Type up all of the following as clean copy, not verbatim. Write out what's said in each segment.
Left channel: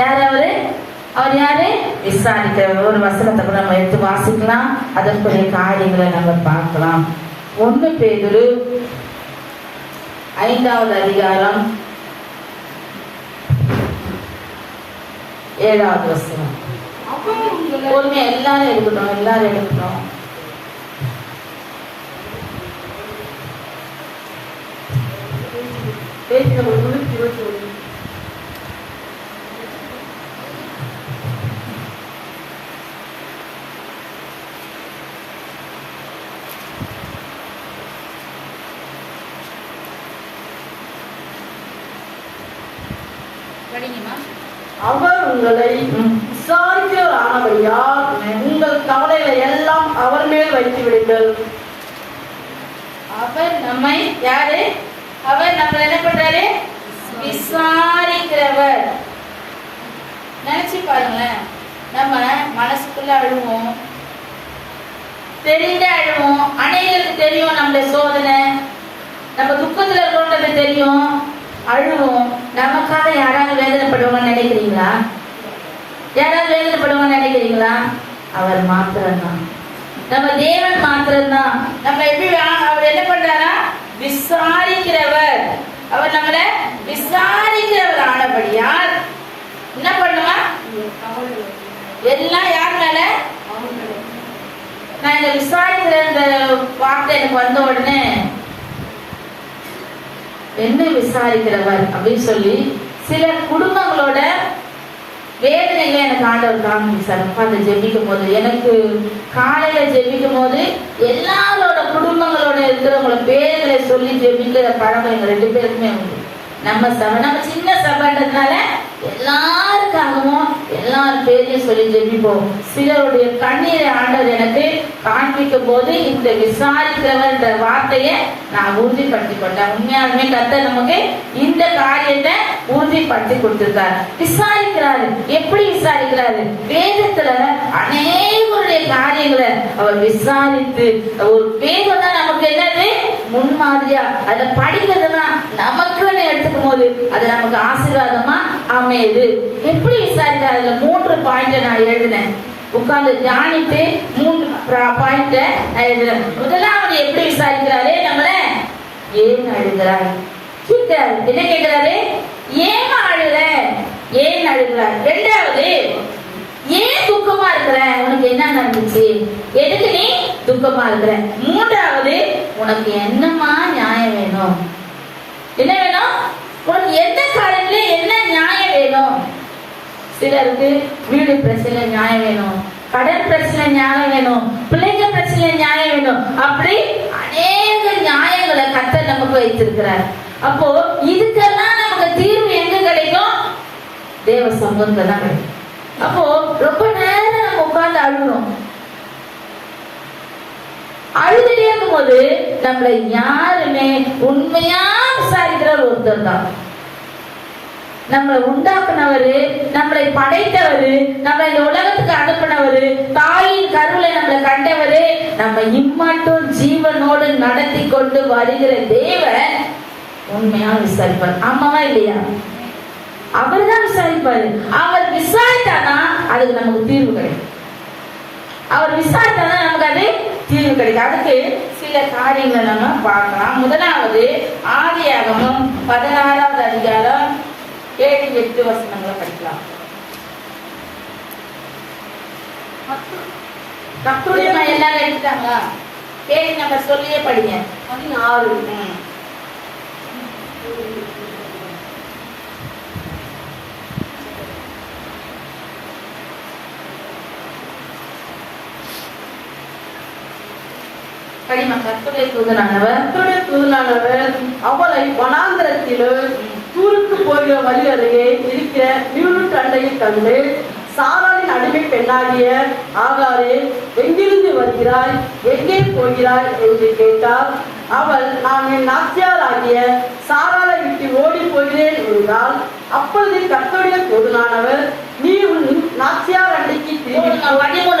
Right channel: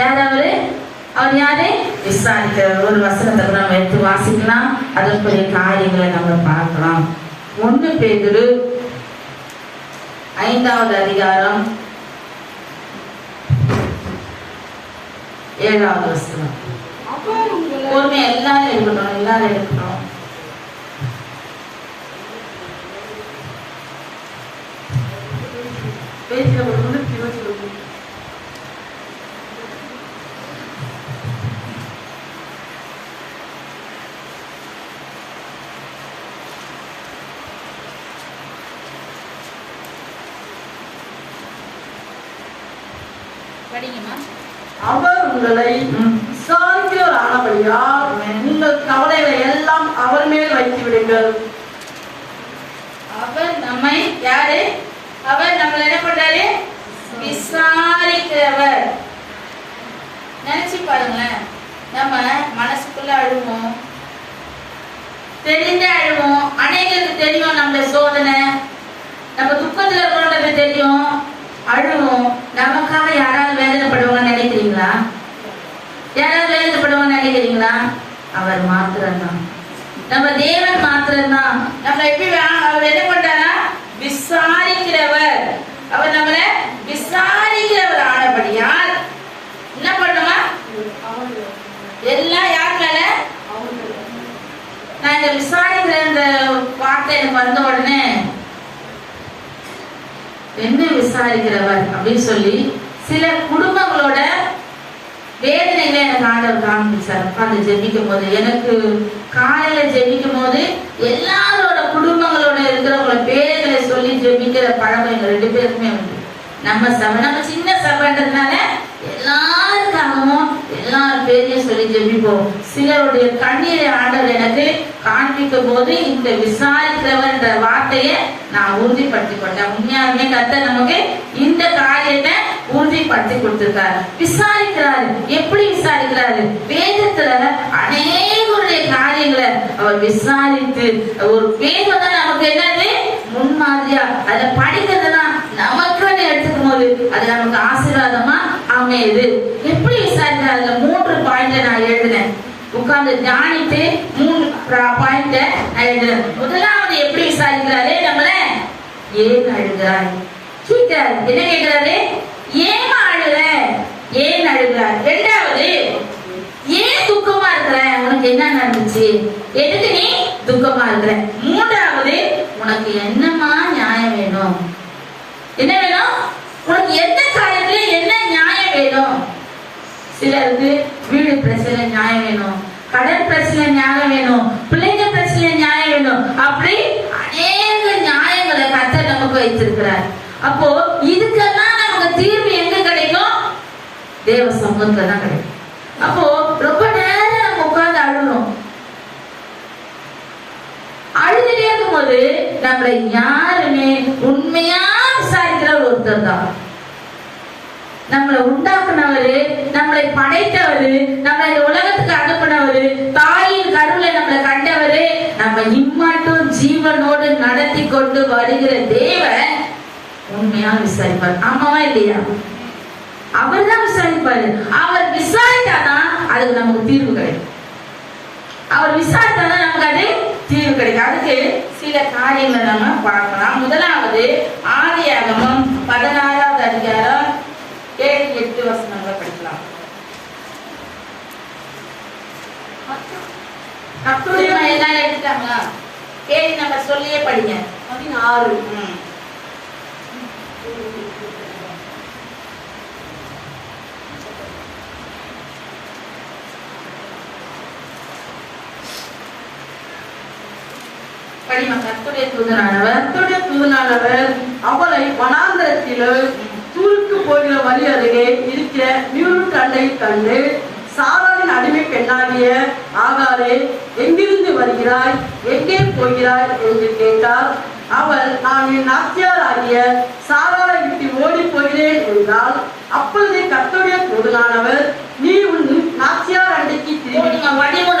யாராவது அவர் யாரு? விசாரிக்கிறவர். ஒரு வசனத்தை நம்ம எடுத்து வாசிக்கலாம், அதற்குரிய காரியங்களை நம்ம பார்க்கலாம். 1 பேதுரு 5வது அதிகாரம் 7வது வசனம். எல்லாரும் எடுக்கணும், எல்லாரும் எடுக்கணும். அவர் உங்களை விசாரிக்கிறவர் ஆனபடியால் உங்கள் கவலைகளை எல்லாம் அவர் மேல் வைத்து விடுங்கள். அவர் நம்மை யாரு? அவர் நம்ம என்ன பண்றாரு? விசாரிக்கிறவர். நினைச்சு பாருங்க, நம்ம மனசுக்குள்ள அழுவோம், தெரிந்த அழுவோம். அநேகருக்கு தெரியும் நம்மள சோதனை, நம்ம துக்கத்துல இருக்கிறோன்றது தெரியும், அழுவோம். நமக்காக யாராவது வேதனைப்படுவாங்க நினைக்கிறீங்களா? யாராவது வேதனைப்படுவாங்க நினைக்கிறீங்களா? அவர் மாத்திரம்தான், நம்ம தேவன் மாத்திரம்தான். நம்ம எப்படி அவர் என்ன பண்றாரா? விசாரிக்கிறவர். அவர் நம்மள விசாரிக்கிறவர் ஆனபடியால் என்ன பண்ணுமா? எல்லாம் யார் மேல? நான் இந்த விசாரிக்கிற இந்த வார்த்தை எனக்கு வந்த உடனே என்ன விசாரிக்கிறவர் அப்படின்னு சொல்லி சில குடும்பங்களோட வேதனைகளை எனக்கு ஆண்டவர் காமிச்சார். உட்கார்ந்து ஜெபிக்கும் போது, எனக்கு காலையில ஜெபிக்கும் போது எல்லாரோட குடும்பங்களோட இருக்கிறவங்களோட பேர்களை சொல்லி ஜெபிக்கிற பழக்கம் எங்க 2 பேருக்குமே உண்டு. நம்ம சின்ன சபைன்றதுனால எல்லாருக்காகவும் எல்லாரும் பேரையும் சொல்லி ஜெபிப்போம். சிலருடைய கண்ணீரை ஆண்டவர் எனக்கு காண்பிக்கும் போது இந்த விசாரிக்கிறவன்ற வார்த்தையை நான் உறுதிப்படுத்தி கொண்டேன். உண்மையாலுமே கர்த்தர் நமக்கு இந்த காரியத்தை உறுதிப்படுத்தி கொடுத்திருக்காரு. விசாரிக்கிறாரு. எப்படி விசாரிக்கிறாரு? வேதத்துல அநேகருடைய காரியங்களை அவர் விசாரித்து, ஒரு வேதம் தான் நமக்கு என்னது முன்மாதிரியா, அதை படிக்கிறதுதான் நமக்குன்னு எடுத்துக்கும் போது அது நமக்கு ஆசீர்வாதமா அமையுது. எப்படி விசாரிக்கிறார்? அதுல 3 பாயிண்ட் நான் எழுதினேன். உட்கார்ந்து தியானித்து 3 பாயிண்ட் நான் எழுதினேன். முதலாவது எப்படி விசாரிக்கிறாரு? நம்மள ஏன் அழுகிறாய் கேட்கிறாரு. என்ன கேட்கிறாரு? ஏன் அழுற? ஏன் அழுகிறார்? 2வது, ஏன் துக்கமா இருக்கிற? உனக்கு என்ன நடந்துச்சு? எதுக்கு நீ துக்கமா இருக்கிற? 3வது, உனக்கு என்னமா நியாயம் வேணும்? என்ன வேணும்? உனக்கு எந்த காரியத்துல என்ன நியாயம் வேணும்? சிலருக்கு வீடு பிரச்சனை நியாயம் வேணும், கடன் பிரச்சனை நியாயம் வேணும், பிள்ளைங்க பிரச்சனை நியாயம் வேணும். அப்படி அநேக நியாயங்களை கர்த்தர் நமக்கு வைத்திருக்கிறார். அப்போ இதுக்கெல்லாம் நமக்கு தீர்வு எங்க கிடைக்கும்? தேவ சமூகத்துல தான் கிடைக்கும். அப்போ ரொம்ப நேரம் நம்ம உட்கார்ந்து அழுகிறோம். அழுதுட்டே இருக்கும் போது நம்மளை யாருமே உண்மையா விசாரிக்கிற ஒருத்தர் தான். நம்மளை உண்டாக்குனவரு, நம்மளை படைத்தவரு, நம்ம இந்த உலகத்துக்கு அனுப்பினவரு, தாயின் கருவில நம்மளை கண்டவரு, நம்ம இம்மாட்டும் ஜீவனோடு நடத்தி கொண்டு வருகிற தேவன் உண்மையா விசாரிப்பார். ஆமாவா இல்லையா? அவர் தான் விசாரிப்பாரு. அவர் விசாரித்தாதான் அதுக்கு நமக்கு தீர்வு கிடைக்கும். அவர் விசாரித்தாதான் நமக்கு அது தீர்வு கிடைக்கும். அதுக்கு சில காரியங்களை நம்ம பார்க்கலாம். முதலாவது, ஆதியாகமம் 16வது அதிகாரம் 7-8 வசனங்களை படிக்கலாம். எல்லாரும் எடுத்தாங்களா? கேள்வி நம்ம சொல்லியே படிங்க. 16. கர்த்தருடைய தூதனானவர் அவளை வனாந்தரத்திலும் தூருக்கு போகிற வழி அருகே இருக்கிற நீருட்டு அண்டையில் கண்டு, சாராளின் அடிமை பெண்ணாகிய ஆகாரே, எங்கிருந்து வருகிறாய், எங்கே போகிறாய் என்று கேட்டார். அவள், நான் என் நாச்சியார் ஆகிய சாராளை விட்டு ஓடி போகிறேன் என்றால். அப்பொழுது கர்த்தருடைய தூதனானவர், நீ உன் நாச்சியார் அண்டைக்கு திரும்பி. 13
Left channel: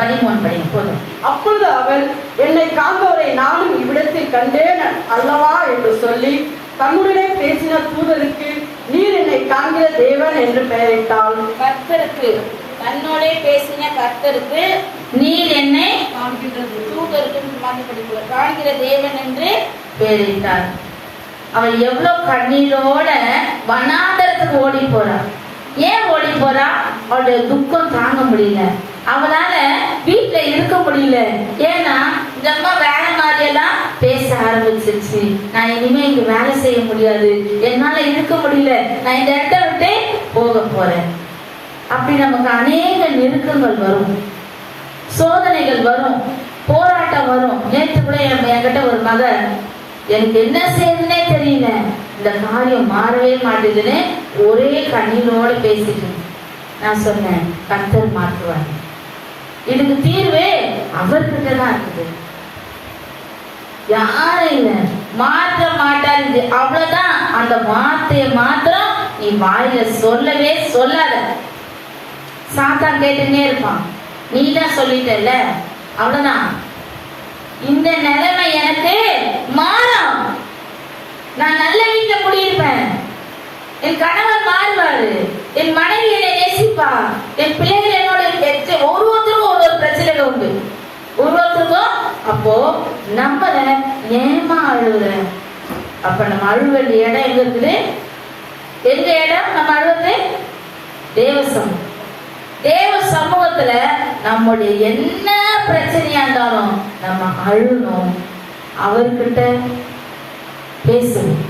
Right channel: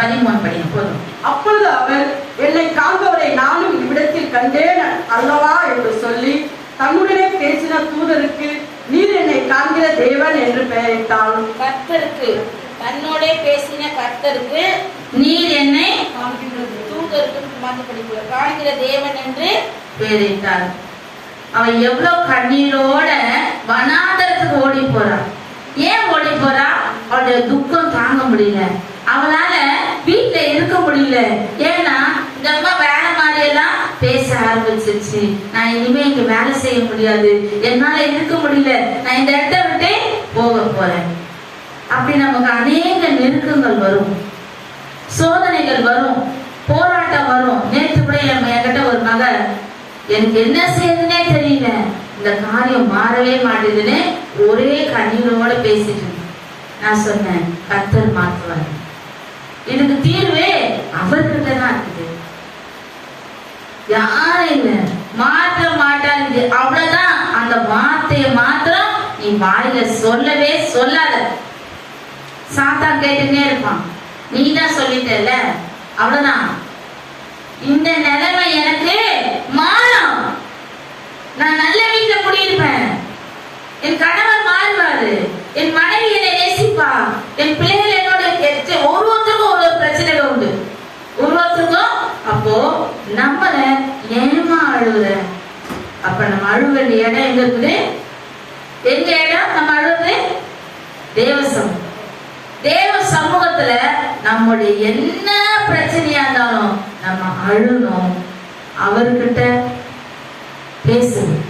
படிங்க போதும். அப்பொழுது அவர், என்னை காண்பவரை நானும் இவ்விடத்தில் கண்டேன் அல்லவா என்று சொல்லி தம்முடனே பேசின தூதருக்கு, நீர் என்னை காண்ப காண்கிற தேவன் என்று பெயரிட்டாள். கர்த்தருக்கு, தன்னோட பேசின கர்த்தருக்கு, நீர் என்னை தூதருக்கு காண்கிற தேவன் என்று பெயரிட்டார். அவன் எவ்வளவு கண்ணீரோட வனாந்தரத்துக்கு ஓடி போறான். ஏன் ஓடி போறா? அவளுடைய துக்கம் தாங்க முடியல, அவளால வீட்டுல இருக்க முடியல. ஏன்னா இந்த அம்மா வேலை மாதிரி எல்லாம் பேச ஆரம்பிச்சிருச்சு. நான் இனிமே இங்க வேலை செய்ய முடியாது, என்னால இருக்க முடியல, நான் இந்த இடத்த விட்டு போக போறேன். அப்படி நமக்கு அநேக நெருக்கங்கள் வரும், சோதனைகள் வரும், போராட்டம் வரும். நேற்று கூட என்கிட்ட ஒரு மகன், எனக்கு என்ன செய்யுதுன்னே தெரியல, இந்த காரியம் மாறவே மாட்டேதுன்னு ஒரே கண்ணீரோட பேசிட்டு. நான் சொன்னேன், கர்த்தர் மாற்றுவார், இதுக்கு தீர்வே அவர்கிட்ட தான் இருக்குது, யாரும் இல்ல, மாற்ற மாட்டாரு. அவ்வளவுதான். அந்த வார்த்தையை மாத்திரம் நீ வாயில சொல்லவே சொல்லாத. சாத்தான் கேட்டுன்னே இருப்பான், நீ தான் சொல்லிட்டல, அவ்வளவுதான். இந்த நிலைமை எனக்கு மாறும், நான் நல்ல வீட்டுல குடியிருப்பேன், என் கணவர் மாறுவாரு, என் மனைவி என்னை நேசிப்பா, என் பிள்ளைகள் என்னோட ஒருவருக்கும் ஒரு பிரச்சனை உண்டு, ஒருவருக்கும். அப்போ நம்மள நேரமா அழுகுற, அப்ப நம்ம அழுக வேண்டிய இடம் எங்க இருக்குது? எங்க இடம் நம்ம அழுவது? தேவசம். தேவ சமூகத்துல நம்முடைய என்ன பிரச்சனையா இருந்தாலும் நம்ம அழுணும், அவர்கிட்ட பேசணும்.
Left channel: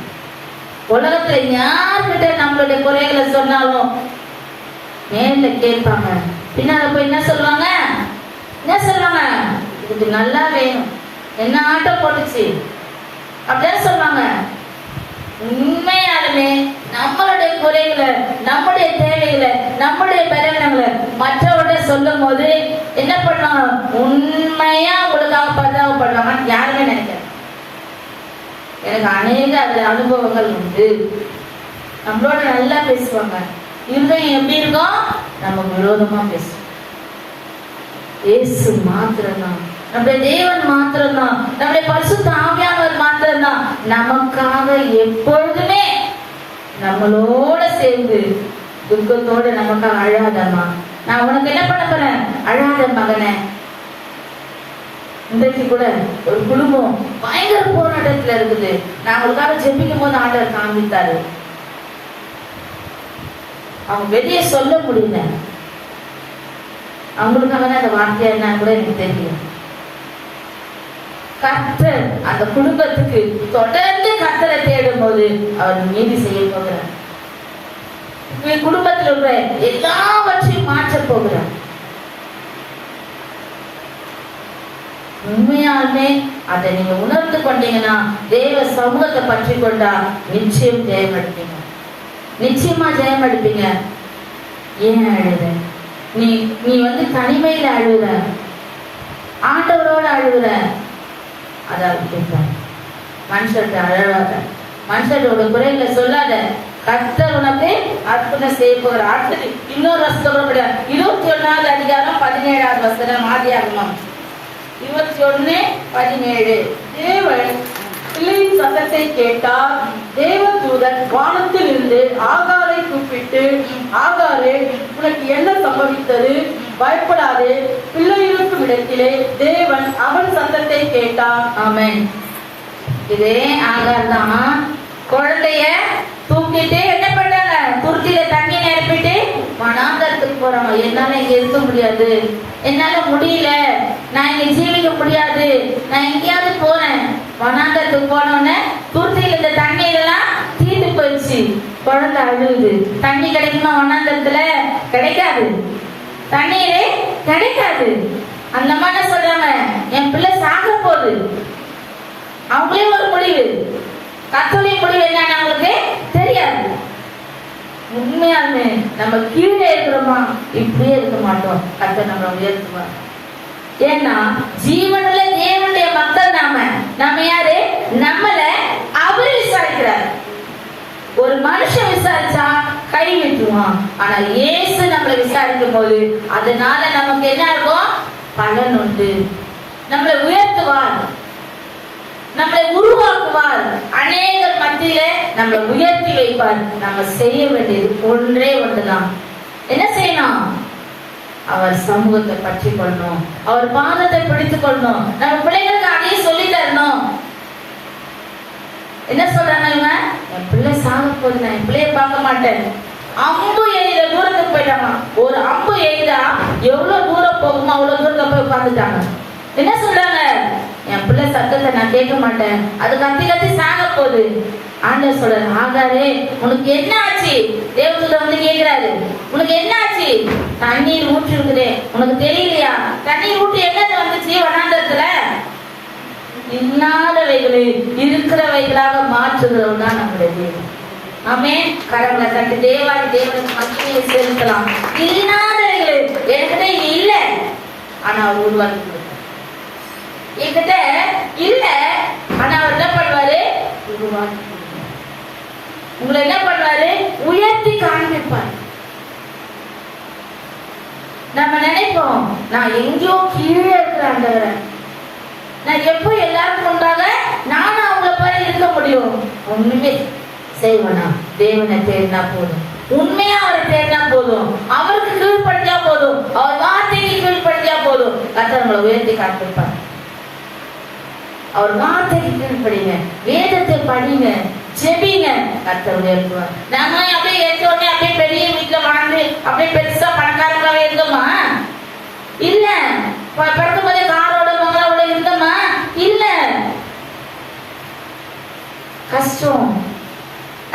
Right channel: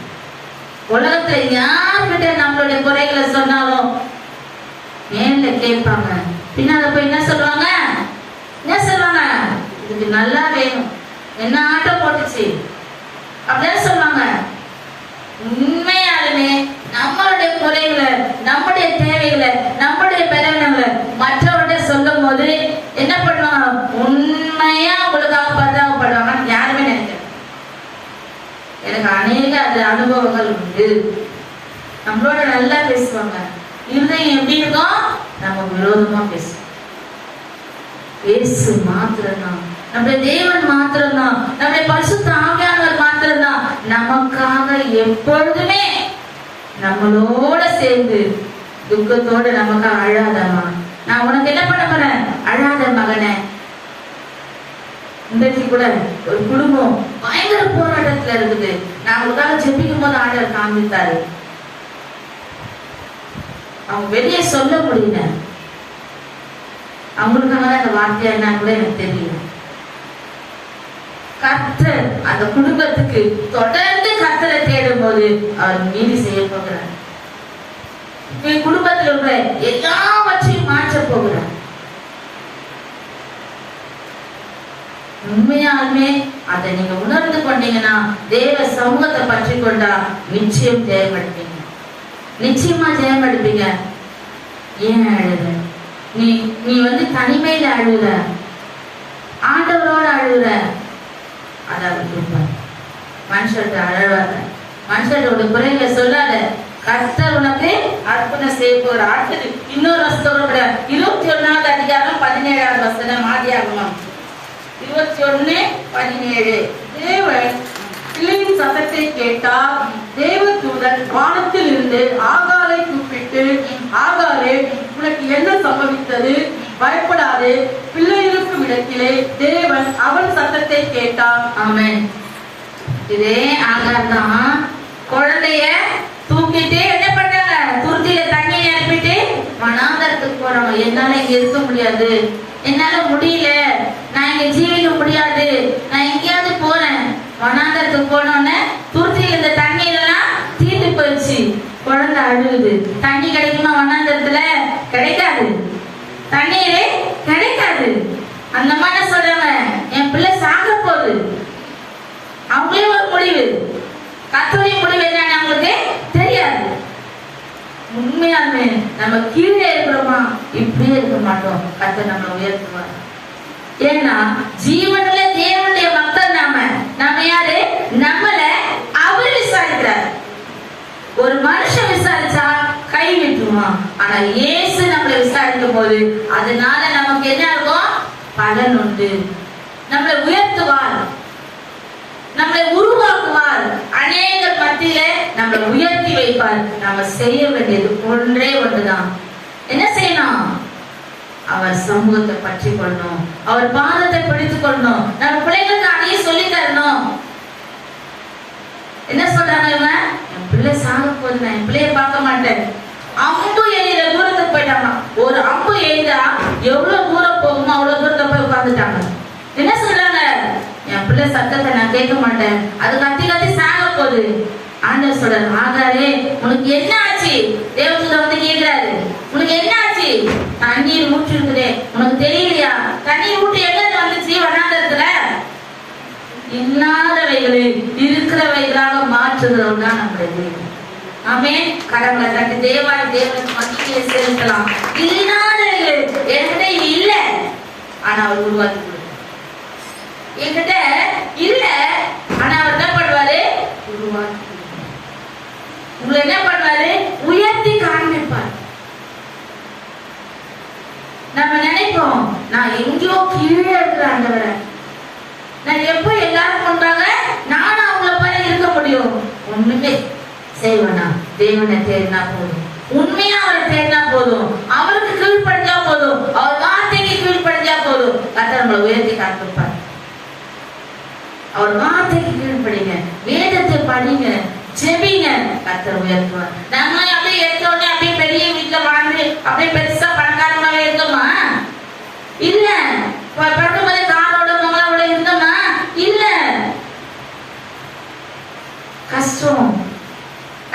உலகத்துல யார்கிட்ட நம்மளுடைய குறைகளை சொன்னாலும் நேர்ல கேட்பாங்க, பின்னால போய் என்ன சொல்லுவாங்க? என்ன சொல்லுவாங்க? இதுக்கு நல்லா வேணும், என்ன ஆட்டம் போட்டுச்சு அப்படிதான் சொல்லுவாங்க. உண்மையாலுமே நம்மளுடைய குறைகளை, நம்முடைய தேவைகளை, நம்முடைய பலவீனங்களை மற்றவர்கிட்ட சொல்லும் போது என்ன பண்ணுவாங்க? உண்மையா உங்களுக்காக பரிதாபப்படுவாங்க. யாருமே நினைக்கிறேன், எனக்கு அநேக அது அனுபவங்கள் உண்டு. நம்மளோட நல்லா பேசுவாங்க, இருதயம் எப்படி இருக்கும்? நமக்கு விரோதமா பேசும். இயேசு மாத்திரம்தான், நம்முடைய தேவன் மாத்திரம்தான், நம்முடைய பரிசுத்த ஆவியானவர் மாத்திரம்தான் நமக்காக எப்பொழுதுமே நம்மளோட சேர்ந்து துக்கத்தோட நமக்காக அழாதம்மா, நான் உனக்கு என்ன பண்ண போறேன்? அழாத மகனே. இன்றைக்கு கூட ஒரு குடும்பம் பயங்கர போராட்டத்துல இருக்குது. நான் அவங்களுக்காக ஜெபிக்கும் போது ஆண்டவர் காண்பித்தாரு, அவங்க வெளியே சொல்ல முடியல, அவங்களுக்காக அந்த வார்த்தையா என்ன கூட எனக்கு தெரியல. கர்த்தர் அந்த குடும்பத்துக்கு தொடர்ந்து கர்த்தரை தேடும் போது அவர் நீதி செய்ய போகிறார். நீ குடும்பத்தில் உள்ள எல்லாவற்றையும் மாற்ற போகிறார். உண்மையாலுமே அதை நீங்க உணர்ந்து கொண்டீங்கன்னா, தேவ சமூகத்தை பற்றி கொண்டா நிச்சயம் ஜெயப்படுத்தீங்க, நிச்சயமா ஜெயப்படுப்பீங்க. ஏன் அழுத? நீ தனிமையில அழுகுற, ஆண்டவரோட அழுகுற, அதாவது கேட்பார். மனுஷர்கிட்ட அழவாத, மனுஷரோட குறைகளை சொல்லாத. கர்த்தர் உனக்கு அற்புதம் செய்ய போகிற. அடுத்தது இன்னொரு வசனம் 21வது அதிகாரம் 17வது வசனம், ஆதியாகமம் 21:17. தேவன் பிள்ளையின் சத்தத்தை கேட்டார். தேவதூதன் வானத்தில் இருந்து ஆகாரை கூப்பிட்டு, ஆகாரே, உனக்கு என்ன சம்பவித்தது? பயப்படாதே, பிள்ளை இருக்கும் இடத்திலே தேவன் அவன் சத்தத்தை கேட்டார். ஆமென். இதே ஆகார் தான் குழந்தைய தூக்கிட்டு என்ன பண்ணாங்க? துருத்தியில தண்ணி நிரப்பிட்டு வனாந்தரத்துக்கு போறாங்க. என்னால இங்க இருக்க முடியாது, என்னால முடியல, நான் இங்க ஜீவிக்க முடியாது, நான் எங்கேயாவது போறேன். வனாந்தரத்துக்கு போனோன்னு துருத்தியில இந்த தண்ணீரெல்லாம் தீட்டு போயிடுச்சு. குழந்தை அழுகுது. தண்ணி கிடைக்குமா வனாந்தரத்துல? கிடைக்காது, தண்ணீரே கிடைக்காது. அந்த மாதிரி சொல்றாங்க, என் பிள்ளை சாக போகுது. அவங்களே ஒரு முடிவு, கர்த்தருடைய முடிவு என்னன்னு அவங்களுக்கு தெரியாது. உண்மையாலுமே நம்ம கீழே இருக்கிறோமா? இப்படியே இருக்க மாட்டோம். கர்த்தர் நம்ம உயர்த்துவாங்க. ஏன்னா ஜீவனுள்ள தேவனுடைய மக்கள் நாம யாரு? நம்மள அவரு விசாரிக்கிறார். ஒரு மனுஷன் விசாரிச்சா கை விட்டுருவான். ஆனா இயேசு நம்மளை விசாரிக்கும் போது அதனால நமக்கு என்ன இருக்கும்? பலன் உண்டு. நம்மளை உயர்த்துவார், நம்மளை உருவாக்குவார். அநேகர் மத்தியில நம்மளை உயர்த்தி வைப்பார். நாம செய்ய வேண்டியது ஒன்றே ஒன்றுதான். என்ன செய்யணும்? அவர் சமூகத்தை பற்றி கொள்ளணும், அவர் பாதத்தை பிடித்துக் கொள்ளணும். நம்ம பிள்ளைகளுக்கு அதையும் சொல்லி தரணும். என்ன சொல்றாங்க இவங்க? என் பிள்ளை சாக போகுது, என் பிள்ளைய பார்க்க மாட்டேன். அம்பு எய்த தூரத்துக்கு போயிட்டாங்க. ஒரு அம்பு எய்தா எவ்வளவு தூரம் போகுமோ அவ்வளவு தூரத்தை போய் உட்கார்ந்துட்டாங்க. என்ன சொல்றாங்க? என் பிள்ளை சத்தத்தை நான் கேட்க மாட்டேன், அது கத்தி கத்தி சாக போகுது. ஆண்டவர் சொல்றாரு, ஆகாரே உனக்கு என்ன ஆச்சு? தேவதூதன் வந்து கேட்கிறாரு, உனக்கு என்ன ஆச்சு? தண்ணீர் ஊற்றி இருக்குதே, உனக்கு தெரியலையா? தண்ணீர் ஊற்றி எங்க வந்துச்சு? வனாந்தரத்துல இல்லாதவைகளை இருக்கிறவைகளாக மாற்றுகிறவங்க தான் நம்முடைய தேவன். ஆமென். கரங்களை தட்டி தேவனுக்கு மத்தியிலே செலுத்தலாம். இல்லாதவைகள் என்கிட்ட இல்ல, ஆனா அவர் உருவாக்கி கொடுத்தார். என்கிட்ட இல்ல, ஆனா அவர் என்ன பண்ணுவாரு? உருவாக்கி கொடுத்தார். உங்களை என்ன பண்ணுவாரு? உயர்த்தி காண்பிப்பார். நம்ம நினைப்போம், நான் எங்கேயோ கீழே இருக்கிற ஆண்டவரை, நான் எப்போ எல்லாரும் கொண்டாங்க நானும் அவங்கள போல இருக்க முடியும்? ஒண்ணுமே செய்வேனா? தேவனை தேடினா போதும், உண்மையா அவரை தேடினா போதும், அவருக்கு கீழ்படிஞ்சா போதும், அவர் வார்த்தைக்கு கீழ்படிஞ்சா போதும். கர்த்தர் உயர்த்தி காண்பிப்பார். அவர் வார்த்தைக்கு கீழ்படிங்க, வேதத்தை படிங்க, ஜெபிங்க, கர்த்தர் உயர்த்துவார். நாம அப்படியே எடுத்த உடனே அப்படியே பெரிய வீட்டுல வாழ்ந்து அப்படியே பெருசா பணக்காரங்களாவே இருந்தோமா? இல்ல. பிறக்கும்போதே காரோட மகளோட இருந்தோமா? இல்ல. கஷ்டம்.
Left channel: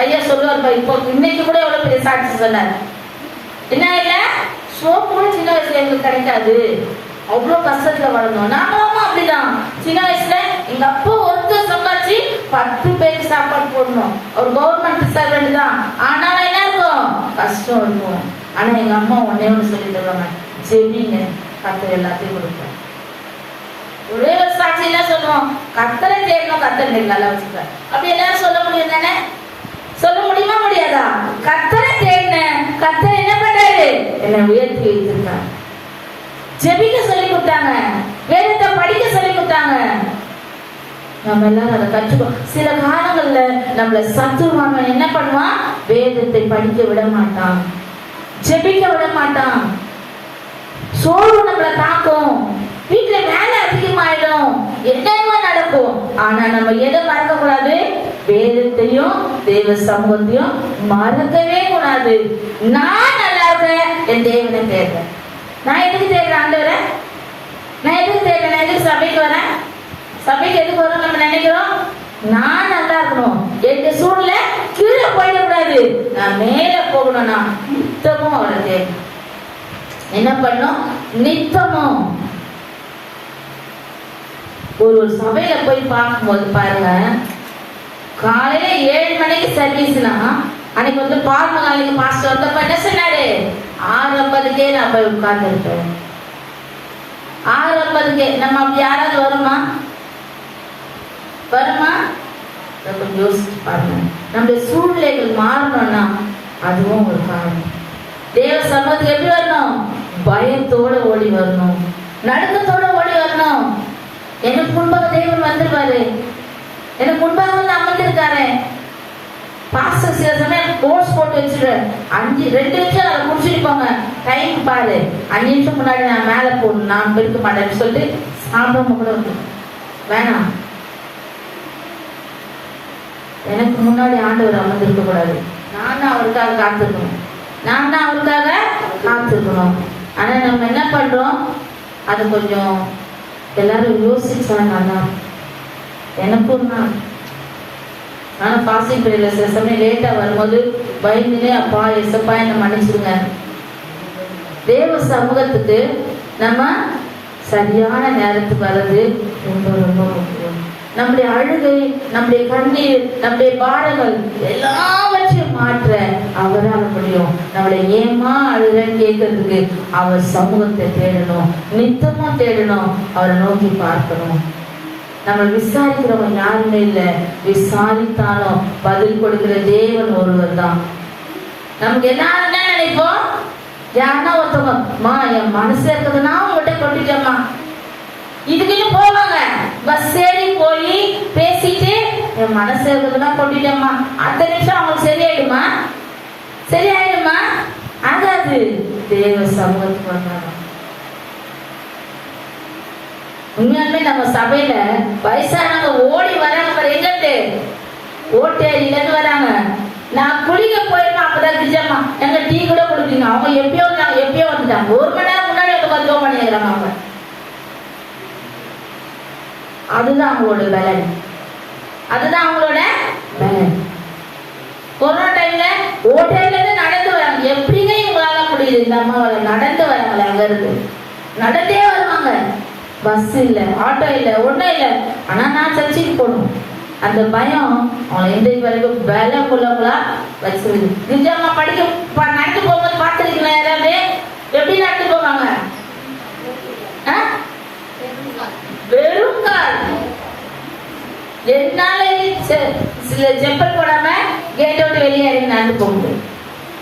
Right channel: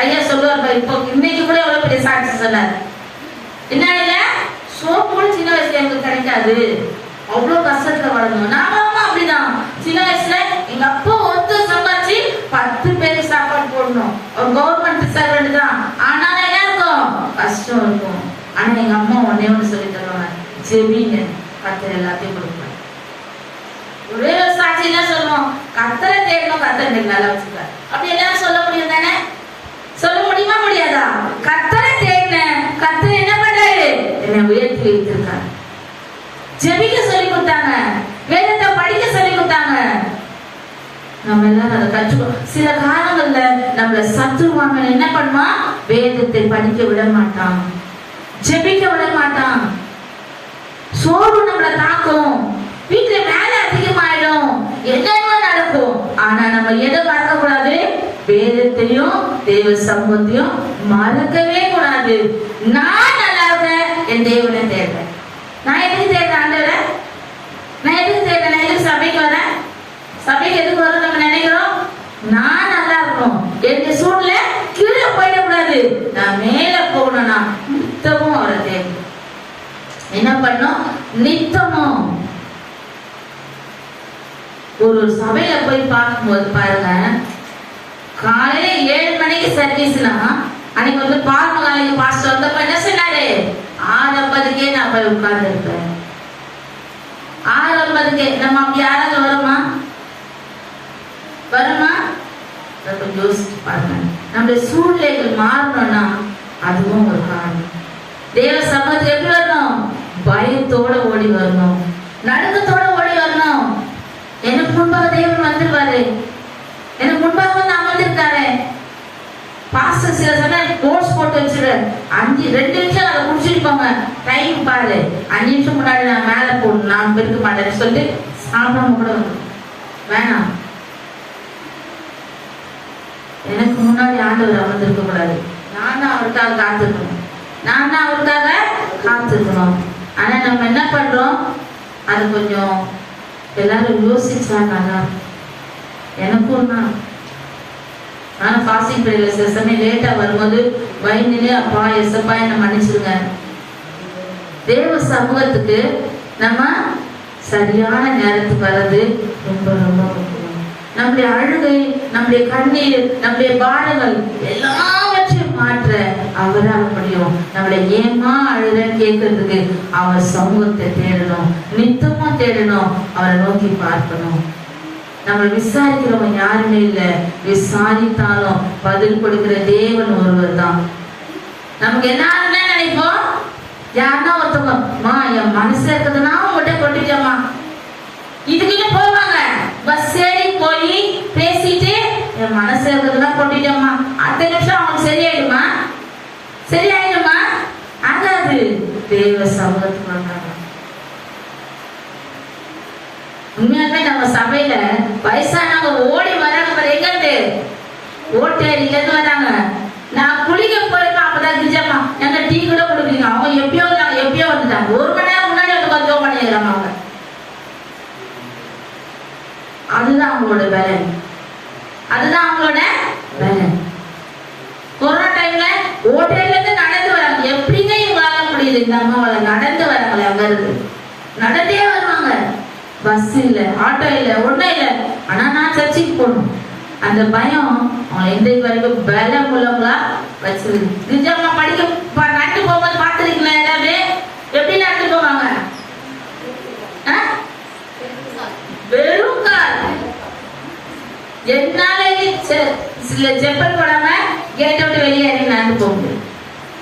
ஐயா சொல்லுவார், இப்போ இன்னைக்கு கூட எவ்வளவு பெரிய சாட்சி சொன்னார். என்ன ஐயா, சோப்பு கூட சின்ன வயசுல எங்களுக்கு கிடைக்காது, அவ்வளவு கஷ்டத்துல வளரணும். நானும் அப்படிதான். சின்ன வயசுல எங்க அப்பா ஒருத்தர் சம்பாதிச்சு 10 பேருக்கு சாப்பாடு போடணும். ஒரு கவர்மெண்ட் சர்வெண்ட் தான், ஆனாலும் என்ன இருக்கும்? கஷ்டம் இருக்கும். ஆனா எங்க அம்மா ஒன்னே ஒண்ணு சொல்லி தருவாங்க, ஜெபிங்க, கர்த்தர் எல்லாத்தையும் கொடுப்பார். ஒரே ஒரு சாட்சி என்ன சொல்லுவோம்? கர்த்தரை தேடணும், கர்த்தர் நீங்க நல்லா வச்சுக்காரு. அப்படி எல்லாரும் சொல்ல முடியும் தானே? சொல்ல முடியுமா? முடியாதா? கர்த்தரை தேடின கர்த்தர் என்ன பண்றாரு? என்னை உயர்த்தி வைத்திருக்காரு. ஜெபிக்க சொல்லி கொடுத்தாங்க, வேதத்தை படிக்க சொல்லி கொடுத்தாங்க. நம்ம எல்லாரும் அதை கற்றுக்கோ. சில காலங்கள்ல நம்மள சத்துருவாங்க என்ன பண்ணுவான்? வேதத்தை படிக்க விட மாட்டான், ஜெபிக்க விட மாட்டான். சோர்வு நம்மளை தாக்கும், வீட்டுல வேலை அதிகமாயிடும், என்னென்ன நடக்கும். ஆனா நம்ம எதை மறக்க கூடாது? வேதத்தையும் தேவ சமூகத்தையும் மறக்கவே கூடாது. நான் நல்லா இருக்கேன், என் தேவனை தேடுறேன். நான் எதுக்கு தேடுறேன்? ஆண்டவரை நான் எதுக்கு தேடுறேன்? நான் எதுக்கு சபைக்கு வரேன்? சபைக்கு எதுக்கு வரும் நம்ம நினைக்கிறோம்? நான் நல்லா இருக்கணும், எந்த சூழ்நிலை கீழே போயிடக்கூடாது, நான் மேல போகணும்னா நித்தமும் அவரை தேடணும். என்ன பண்ணும்? நித்தமும். ஒரு சபையில போய் பார்க்கும்போது பாருங்க, காலையில 7 மணிக்கு சர்வீஸ்னா, அன்னைக்கு வந்து பார்மகாலிக்கு பாஸ்டர் வந்தப்ப என்ன சொன்னாரு? 6:50க்கே நான் போய் உட்கார்ந்து இருப்பேன். 6:50க்கே. நம்ம அப்படி யாராவது வருமா? யோசிச்சு பாருங்க. நம்முடைய சூழ்நிலைகள் மாறணும்னா அதுவும் ஒரு காரணம். தேவ சமூகத்துக்கு எப்படி வரணும்? பயத்தோட ஓடி வரணும், நடுக்கத்தோட ஓடி வரணும். எனக்கு முன்பாக தேவன் வந்துருவாரு, எனக்கு முன்பாக வந்து அமர்ந்திருக்காரு. பாஸ்டர் சில சமயம் கோர்ஸ் போட்டு வச்சிரு, 2 நிமிஷம் அதை குடிச்சிருக்கோங்க, டைம் பாரு, 5 நிமிஷம் முன்னாடி நான் மேல போடணும், நான் இருக்க மாட்டேன்னு சொல்லிட்டு சாப்பிடாம கூட வரணும். வேணாம், எனக்கு முன்னாடி ஆண்டவர் அமர்ந்திருக்க கூடாது. நான் தான் அவருக்காக காத்திருக்கணும், நான் தான் அவருக்காக காத்திருக்கணும். ஆனா நம்ம என்ன பண்றோம்? அது கொஞ்சம் எல்லாரும் யோசிச்சாங்க. எனக்கும் தான். ஆனா பாசிங் பீரியட்ல சில சமயம் லேட்டா வரும்போது பயந்துலே, அப்பா எசப்பா என்ன மன்னிச்சிருங்க. தேவ சமூகத்துக்கு நம்ம சரியான நேரத்துக்கு வர்றது ரொம்ப ரொம்ப முக்கியம். நம்முடைய அழுகை, நம்முடைய கண்ணீர், நம்முடைய பாரங்கள் எல்லாவற்றையும் மாற்ற அவரால் முடியும். நம்மளை ஏமா அழுதன்னு கேட்கறதுக்கு அவர் சமூகத்தை தேடணும், நித்தமா தேடணும், அவரை நோக்கி பார்க்கணும். நம்ம விசாரிக்கிறவங்க யாருமே இல்ல, விசாரித்தாலும் பதில் கொடுக்கிற தேவன் ஒருவர் தான். நமக்கு என்ன நினைப்போம்? யாருன்னா ஒருத்தவங்க, என் மனசுல இருக்குதுன்னா உங்ககிட்ட கொட்டிட்டோமா, இதுக்குன்னு போவாங்க, பஸ் ஏறி போய் பேசிட்டு என் மனசுல இருக்குதுன்னா கொட்டி பண்ணிட்டோமா, அடுத்த நிமிஷம் அவங்களுக்கு சரியாயிடுமா? சரியாயிடுமா? ஆகாது. தேவ சமூகத்துக்கு வந்தாங்க. உண்மையாலுமே நம்ம சபையில வயசானவங்க ஓடி வராங்க. எங்க இருந்து? ஓட்டேரியில இருந்து வராங்க. நான் குளிக்க போயிருப்பேன். அப்பதான் கிரிஜம்மா எங்க டீ கூட குடிப்பீங்க. அவங்க எப்பயோ வந்துட்டாங்க. 1 மணி நேரம் முன்னாடி வந்து ஜோம் பண்ணிக்கிறாங்க அவங்க. அதுதான் அவங்களோட வேலை. அதுதான் அவங்களோட வேலை. கொரோனா டைம்ல ஓட்டேரியில இருந்து நடந்து வராங்க. எப்படிங்க இவங்களால முடியுது? இந்த அம்மாவால நடந்து வராங்களே. அங்க இருந்து நடந்தே வருவாங்க. பஸ் இல்ல, ஆட்டோ இல்ல, ஒண்ணும் இல்ல. ஆனா நான் சர்ச்சைக்கு போகணும். அந்த பயம் அவன் இன்றைக்கு வரைக்கும் பலம் உள்ளவங்களா வச்சிருக்கு. நிஜமா படிக்க நடந்து போகும்போது பார்த்துருக்கீங்களா? எல்லாமே எப்படி நடந்து போவாங்க? வெறும் கால். என்னால சில செப்பல் போடாம கேட்டை விட்டு வெளியே இறங்கி நடந்து போக முடியும்.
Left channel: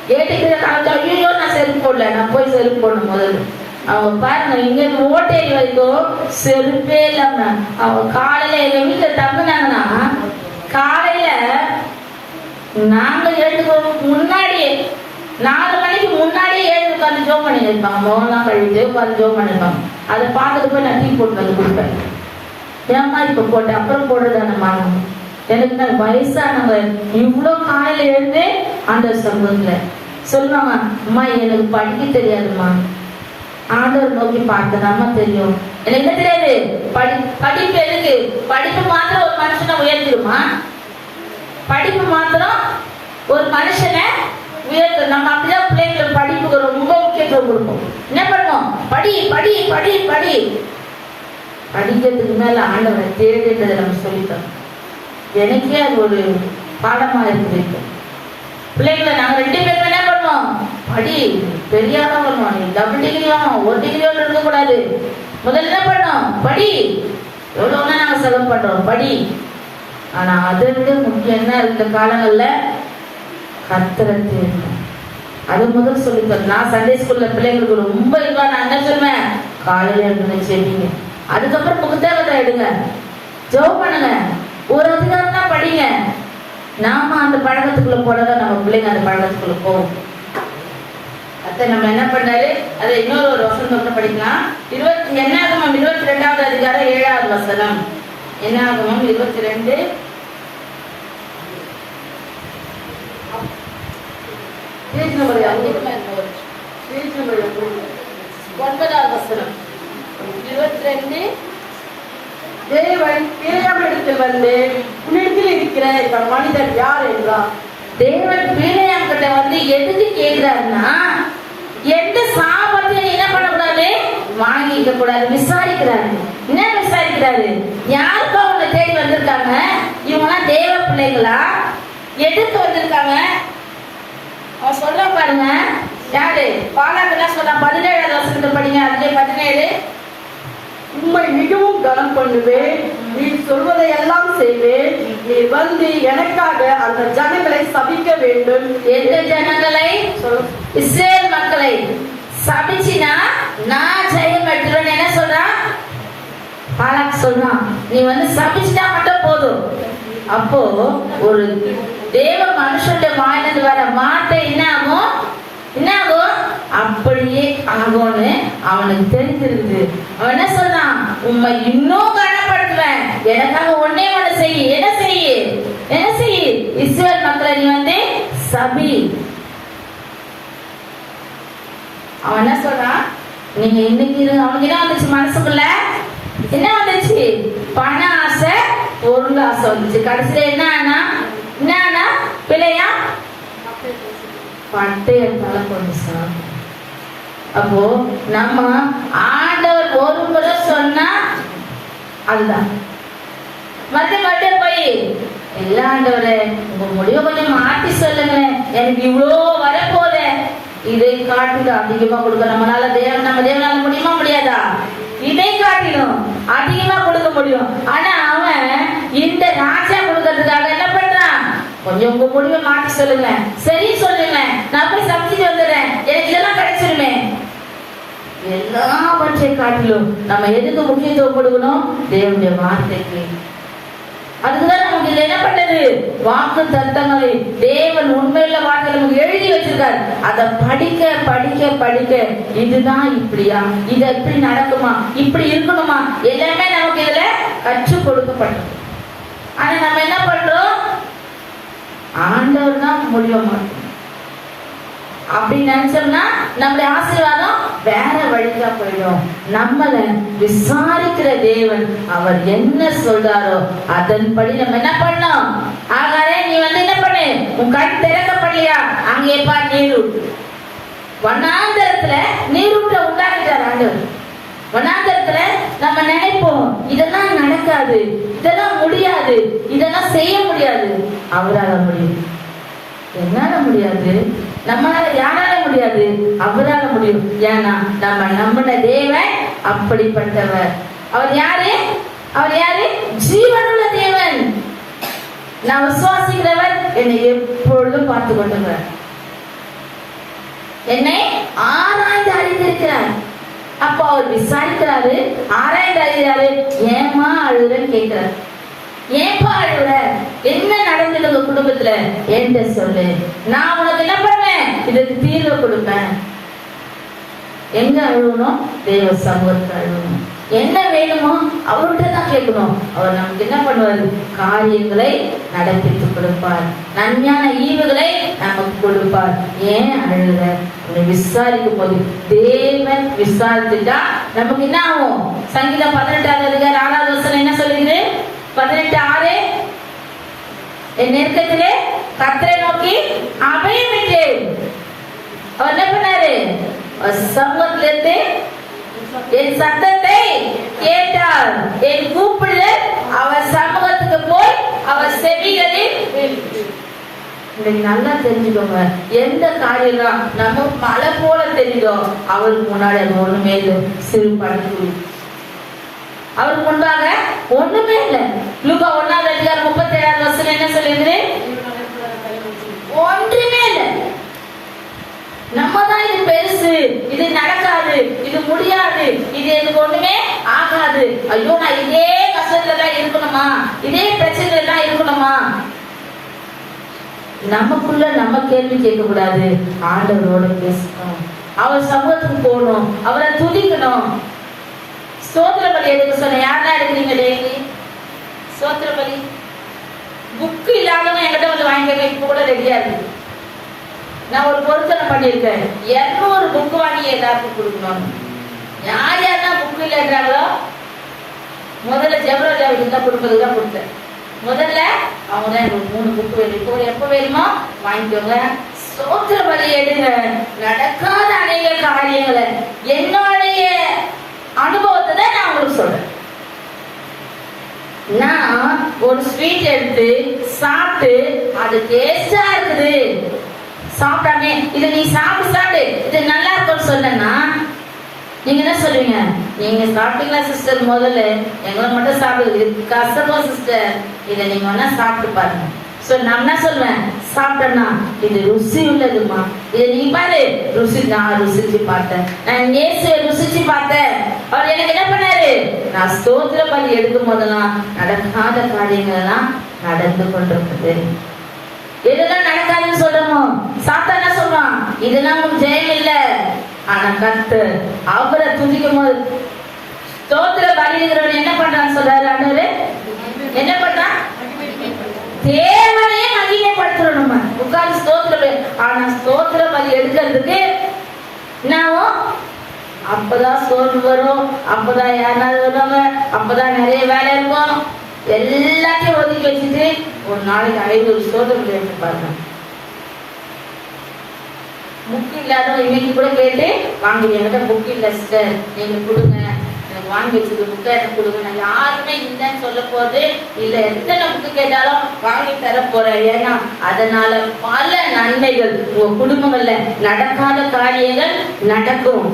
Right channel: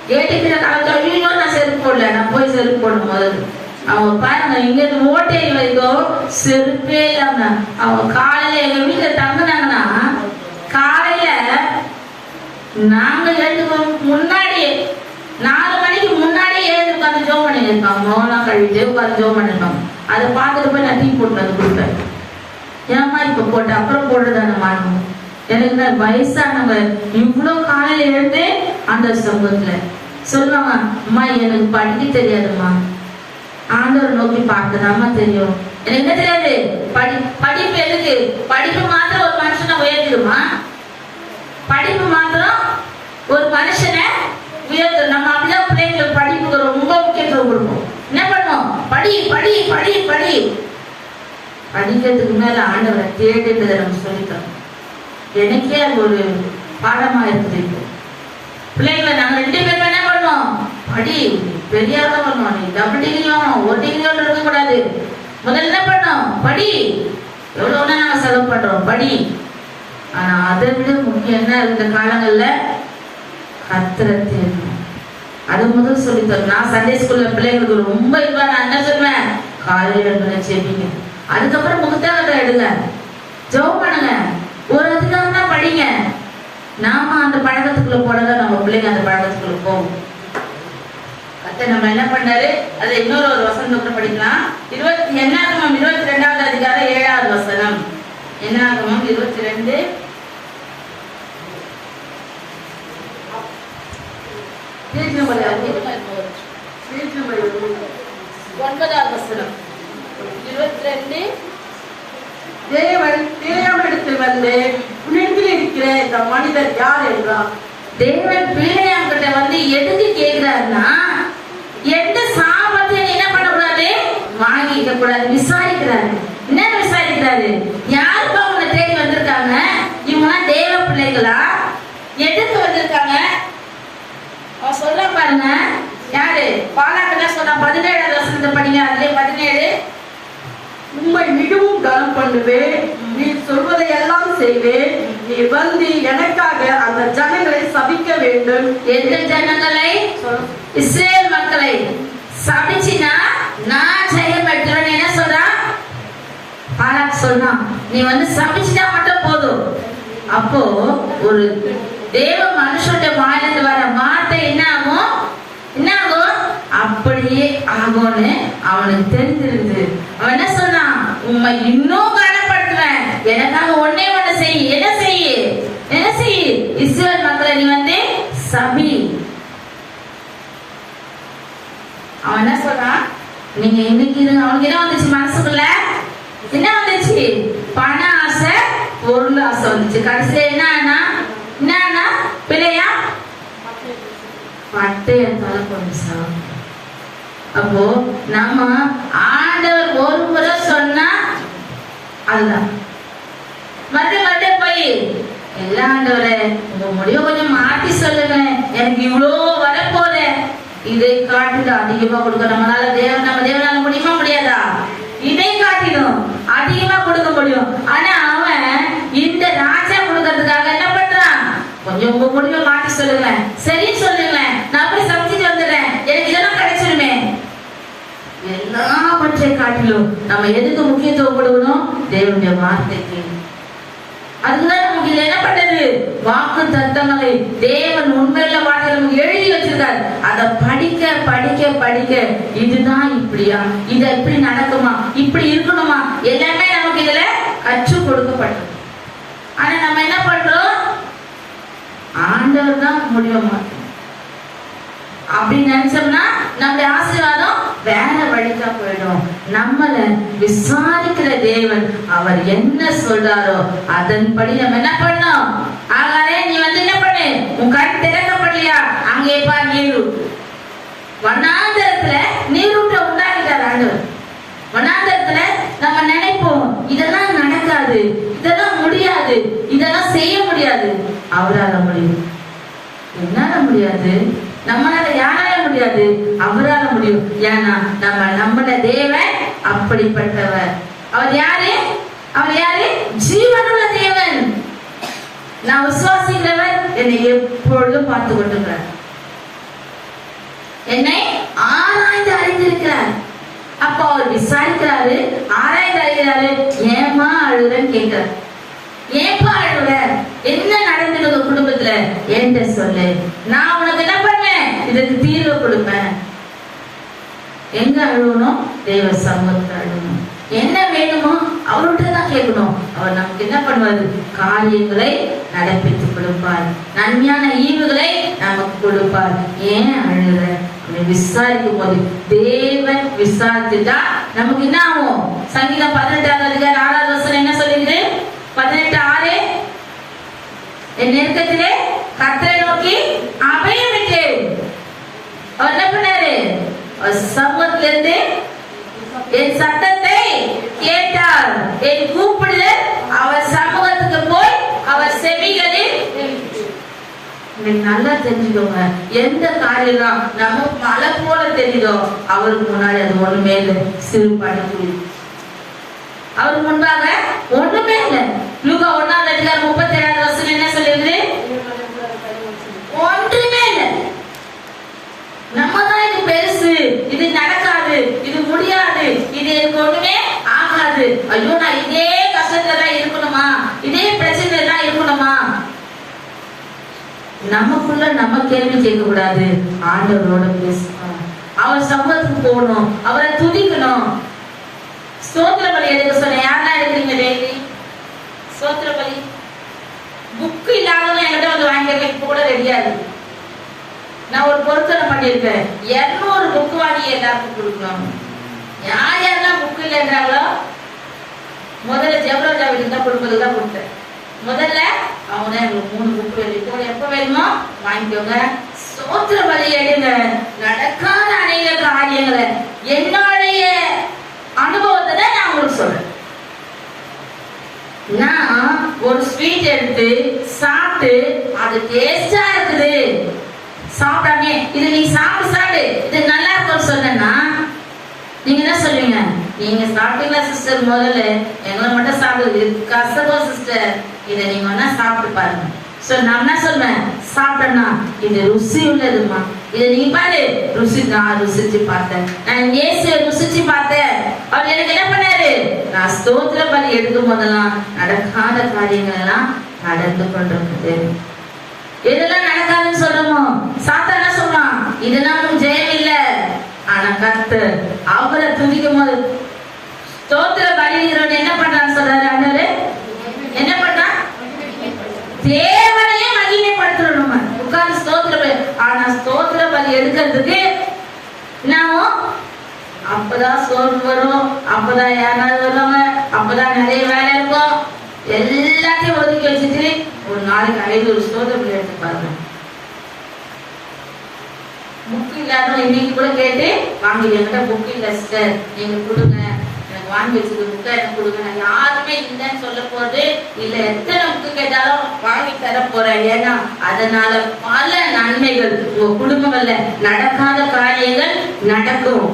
கேட்டுக்கு ஐயோ நான் செருப்பு போடல, நான் போய் செருப்பு போடணும். முதல்ல அவங்க பாருங்க, இங்க இருந்து ஓட்டேரி வரைக்கும் செருப்பே இல்லாம அவங்க காலையில எங்க வீட்டுல தங்குனாங்கன்னா காலையில நாங்க முன்னாடியே 4 மணிக்கு முன்னாடியே எழுந்து உட்காந்து ஜோம் பண்ணிருப்பாங்க. மோலாம் கழிட்டு உட்காந்து ஜோம் பண்ணிருப்பாங்க. அதை பார்த்துட்டு போய் நான் டீ போட்டு வந்து கொடுப்பேன். ஏமா இப்ப போட்ட அப்புறம் போடுறதான மாணவன் எனக்கு தான் வயசானவங்க இவ்வளவு காலையில எழுந்து அந்த சமூகத்துல சொல்லுவாங்க, அம்மா எனக்கு படிக்க தெரியாதுமா, ஆண்டவர் நோக்கி பார்க்கதாமா தெரியும். எனக்கு என்ன தெரியாது? படிப்பு எதுக்கு? படிப்பு மாத்திரம் ஒரு மனுஷனை உயர்த்திடுமா? படிப்பு மாத்திரம் ஒரு மனுஷனை உயர்த்து. நம்ம அப்படிதான் பிள்ளைங்களுக்கு படிப்புக்கு ரொம்ப முக்கியத்துவம் கொடுப்போம். என்ன பண்ணுவோம்? படி படி படி படி. படிக்கிறதுக்கு மேல ஆண்டவரை தேடுன்றதை நம்ம சொல்லித்தரோம். எனக்கே அது ஒரு பாடமா இருக்குது. பிள்ளைங்களை நாங்க 2 பேரும் என்ன பண்ணுவோம்? படி, பெரியாதான் பண்ணுவோம். நீ டபுள் டிகிரி வாங்கணும், 1 டிகிரியோட இருக்க கூடாது. முதல்ல என்ன பண்ணோம்? படி. எவ்வளவுனா நாங்க செலவு பண்றோம், படி. ஆனா அதை விட முக்கியம் என்ன இந்த காலங்கள்ல? கர்த்தரை தேடணும். அது முதல் சொல்லித்தரும். நான் சண்டே ஸ்கூல்ல பிள்ளைங்களுக்கு ரொம்ப இதுவா நான் என்ன சொல்லுவேன்? காலையில இருந்து செடிங்க, அதுக்கப்புறம் புத்தகத்தை எடுங்க, ஜெபம் பண்ணுங்க, ஒரு அதிகாரம் தான் படிங்க. நாம அந்த பழக்கத்துக்குள்ள போனதான் நம்ம பிள்ளைங்க அந்த பழக்கத்துக்குள்ள போகும். அத்தை நம்ம என்ன பண்ணாரு? அதை இன்னொரு வசனத்தை படிக்கலாம். என்னாகமம் 22வது அதிகாரம் 7வது வசனம். என்னாகமம் 22 9வது வசனம். 22 தேவன் பிலேயாமிடத்தில் வந்து உன்னிடத்தில் இருக்கிற இந்த மனிதர் யார் என்றார். தேவன் பிலேயாமிட்ட வந்து எதுக்கு கேட்கிறாருன்னா, எந்த சாபத்தையும் என்ன பண்ணக்கூடாது? வாங்கிக்க கூடாது. விசாரிக்கிறாரு. என்ன விசாரிக்கிறாரு? யாருக்கும் அவங்க தேடி வந்திருக்காங்க? இவங்க தேவ பிள்ளைகளா? எதுக்கு வந்திருக்காங்க? அவன் சொல்ல பாருங்க. யாரு? பாலாக்கெல்லாம் சொல்ல 17வது வசனத்தை படிங்க. அதுல 17 உம்மை மிகவும் கனம் பண்ணுவேன், நீ சொல்வதை எல்லாம் செய்வேன், நீ வந்து எனக்காக அந்த ஜனங்களை சபிக்க வேண்டும். எந்த ஜனங்களை? இஸ்ரேல் மக்களை சபிச்சினா நான் ஜெயம் எடுத்துறேன். என்ன சொல்றான்? பாலாக் சொல்றான், நீ வந்து சபிச்சுட்டா மட்டும் போதும். அப்போ ஒரு தேவ மனுஷனுடைய வாயிலிருந்து வர வார்த்தை என்ன ஆகும்? என்ன ஆகும்? அப்படியே ஆகும்னு அவனுக்கு தெரிஞ்சிருது. அவன் என்ன சொன்னான்? உண்மை இன்னும் கனப்படுத்துவேன், எனக்காக ஒன்னே ஒண்ணு செய். என்ன செய்? என்ன செய்? இஸ்ரேல் மக்களை நீ வந்து சபி. அவன் என்ன சொல்றான்? நீங்க இன்னைக்கு அவனுக்கு என்ன வந்துச்சு மனசுக்குள்ள? என்ன வந்துச்சு? பண ஆசை, பொருள் ஆசை வந்துச்சு. கடைசியில என்ன பிள்ளையா பட்டயத்தால கொஞ்சம். அப்போ நம்ம ஆண்டவர் ஒரு முறை சொன்னா அதுதான் மற்ற போய் எல்லா ஆண்டவரே உங்க முடிவு கொஞ்சம் மாற்றி சொல்லுங்க, எனக்கு இவ்வளோ வரப்போதே, இதை காட்டிலும் அதிகமா கொடுக்க நம்மளால நம்ம தேவனால முடியுமா? முடியாதா? இதை காட்டிலும் அதிகமா கொடுக்க முடியும். ஆனா அவன் இந்த ராஜா கொடுக்கறதுக்காக என்ன பண்றான்? கொஞ்சம் உங்க முடிவை மாற்றி சொல்லுங்க, சரி சொல்லுங்க, நான் அப்படி சமைச்சிட்டு வந்துடுறேன், எனக்கு இதெல்லாம் கிடைச்சிருமே. எல்லாவற்றை காட்டிலும் நம்ம எதுக்கு முக்கியத்துவம் கொடுக்கணும்? தேவனுடைய வார்த்தைக்கு. அதுக்குதான் நமக்கு இல்ல என்ன பண்ணது? வாக்கு தத்தங்களை தேவன் உண்மையில வார்த்தை நமக்கு எழுதி வச்சிருக்காரு. அதை படிக்க படிக்க படிக்க இதுதான் இப்படியா, இது எப்படி நடக்குமா, இப்படி இருக்கணுமா, எல்லாமே நமக்கு இதுல கற்றுக் கொடுக்கப்பட்டது. ஆனா நம்ம என்ன பண்றோம்? ஆண்டவர் தான் முடியுமா அப்படின்னு நினைச்சோம்னா நம்முடைய ஆசீர்வாதம் வேற வழிக்கா போயிடும். நம்மளை விசாரிக்கிற தேவன் அவர் என்ன சொல்றாரோ அதன்படி நம்ம என்ன பண்ணோம். ஆகாரே நீ என்ன பண்ணு, உன் கண் திறக்கப்படலையா, அங்கே பார் நீரூட். வனாந்தரத்துல நீரூட்டை உண்டாக்கிட்டார் ஆண்டவர். வனாந்தரத்துல நம்ம நினைப்போம் இதெல்லாம் நடக்காது, இதெல்லாம் முடியாது, இதெல்லாம் செய்ய முடியாது. அவரால முடியும். என்னால முடியாது, நம்மளால யாரால முடியாது, அவரால முடியும். ஏன்னா நம்ம நம்பின தேவன் அப்படிப்பட்டவர். அவர் யாரு? அவர் யாரு? ஜீவனுள்ள தேவன். நான் விசுவாசிக்கிறவர் என்னை எப்பொழுதும் பார்த்து கொண்டிருக்கிறார், என்னை ஆராய்ந்து அறிந்திருக்கிறார். அப்போ அவர் விசாரிக்கிறாரு, ஆராய்ந்து அறிகிறாரு. ஏமா அழுகுறன்னு கேட்கிறார். ஏப்பா அழுகுற, என்ன நடந்தது உங்க குடும்பத்துல என்கிட்ட சொல்லு, நான் உனக்கு என்ன பண்ணேன், இதுக்கு தீர்வு கொடுப்பேன். எங்க அழுகணும்? தேவ சமூகத்துக்கு அழுகணும். என்ன வேணுமோ அவர்கிட்ட தான் கேட்கணும். அவர் நமக்கு என்ன பண்ணுவாரு? காரியங்களை நடப்பித்து கொடுப்பார், நன்மையான ஈவுகளை நமக்கு கொடுப்பார். ஏன் அழுகிற? விசாரிக்கும் போது தேவன் விசாரிச்சுட்டா நமக்கு என்ன ஆகும்? சங்கீதம் 18:6 என்ன சொல்லுது? 18:6 என் நெருக்கத்திலே கர்த்தரை நோக்கி அபயமிட்டேன். அவர் என்ன பண்ணாரு? சமூகத்திலிருந்து என் சத்தத்தை கேட்டார். என் கூப்பிடுதல் அவர் சமூகத்துக்கு போய் அவர் செவிகளில். நல்லா தெரிஞ்சுக்கோங்க, எந்த காரியம் நம்ம மலை போல தெரியுதோ அவருக்கு முன்னாடி அது ஒண்ணுமே இல்லை, சிறு பண்ணி. அவருக்கு முன்பாக ஒண்ணுமே இல்லை. லூக்கா 1:37 என்ன சொல்லிருக்குது? ஒன்றுமே இல்லை. நம்ம தான் இது பெருசு, இது நடக்காது, இது முடியாது, இது எனக்கு ஒண்ணுமே ஆகாது, ஐயோ நான் இதே கஷ்டத்துல தான் இருக்கணுமா, இதே பிரச்சனை தான் இருக்கணுமா. நமக்குள்ள நம்ம கேள்வி கேட்க கூடாது. ஆண்டவரோட பேசணும், அவர் சமூகத்துக்கு போகணும், அவரை துதிக்கணும். ஸ்தோத்திர பலி எடுக்க சொன்ன யாரா எடுக்கிறீங்க? டெய்லி ஸ்தோத்திர பலி புக்கு இல்லாதவங்க என்கிட்ட வந்து வாங்கிக்க. இப்ப கூட ரெடியா இருக்கு. நான் ஒரு பொருத்தனை பண்ணிருக்கேன். 200 புக்கு வாங்கி எல்லாருக்கும் கொடுக்கணும். யார் யாரெல்லாம் புக்கு இல்லைன்றாங்களோ முதல்ல ஜெவராஜா வீட்டுக்கு தான் கொடுப்பதுதான் கொடுத்தேன். முதல்ல அவங்க 3 புக்கு வேணும். இப்போ எப்ப வேணுமோ வாங்கிக்கோங்க. ஸ்தோத்திர பலி எடுங்க. நடக்காத அநேக காரியங்களை என்னுடைய அனுபவத்தை தான் நான் உங்களுக்கு சொல்றேன். நான் ஒரு ஸ்வீட் எடுத்து சாப்பிட்டு அது டேஸ்டா இருக்குது, சாப்பிட்டானே இதை நீ சாப்பிடு இது நல்லா இருக்குன்னு சொன்னா நீங்க என்ன சொல்றீங்க? நீங்க சாப்பிட்டீங்க சிஸ்டர், முதல்ல எங்களை மட்டும் சாப்பிடுது கசவா சிஸ்டர், இதை நீங்க வேணா சாப்பிட்டு பாருங்க. நான் என்ன சொல்றேன்? சாப்பிட்டேன்னா இது ருசி உள்ளதுமா, இதை நீ பாரு ருசி. நான் ருசிச்சு பார்த்தேன், நான் ருசிச்சு பார்த்தேன். அவர் எனக்கு என்ன பண்ணாரு? நான் ஸ்தோத்திர பலி எடுக்கும் போதெல்லாம் நடக்காத காரியங்கள் எல்லாம் நடந்து கொண்டிருக்குது. எதெல்லாம் நடக்காதுன்னு சொல்றோமோ சாத்தான் என்ன சொல்றான்? இதெல்லாம் நமக்கு ஜெயம் இல்ல. ஆனா கர்த்தர் அவரை துதிக்கும் போது ஸ்தோத்திர பலிகிறவன் என்ன பண்றான்னு சொல்றாரு ஆண்டவரே. என்ன பண்றான்? தேவனையே மகிமைப்படுத்துறோம். நம்ம உட்கார்ந்து ஸ்தோத்திர பலி. ஆனா ஸ்தோத்திர பலி எடுக்கிறதுக்கு நாமும் அப்பதான் சோறு வரும், அப்பதான் யாராவது வருவாங்க, அப்பதான் நிறைய வேலை இருக்கும். எல்லாத்தையும் ஒதுக்கி வச்சுட்டு ஒரு நாளைக்கு 500 ஸ்தோத்திரம் எடுத்து பாருங்க. புக் இல்லாத இன்னைக்கு கூட கேட்டு வாங்கி, என்கிட்ட புக் இல்ல சிஸ்டர், நீங்க கொடுங்க, எனக்கு வாங்கி வச்சுட்டு புக்கை எனக்கு கொடுங்க. நான் யாருமே இல்லைன்னு சொல்ல போது இல்ல. எத்தனை புக்கு கேட்டாலும் வாங்கி தர போறேன். ஏன்னா அதனால பல நன்மைகள் உங்க குடும்பங்கள்ல நடக்காத காரியங்கள் நடக்கும்.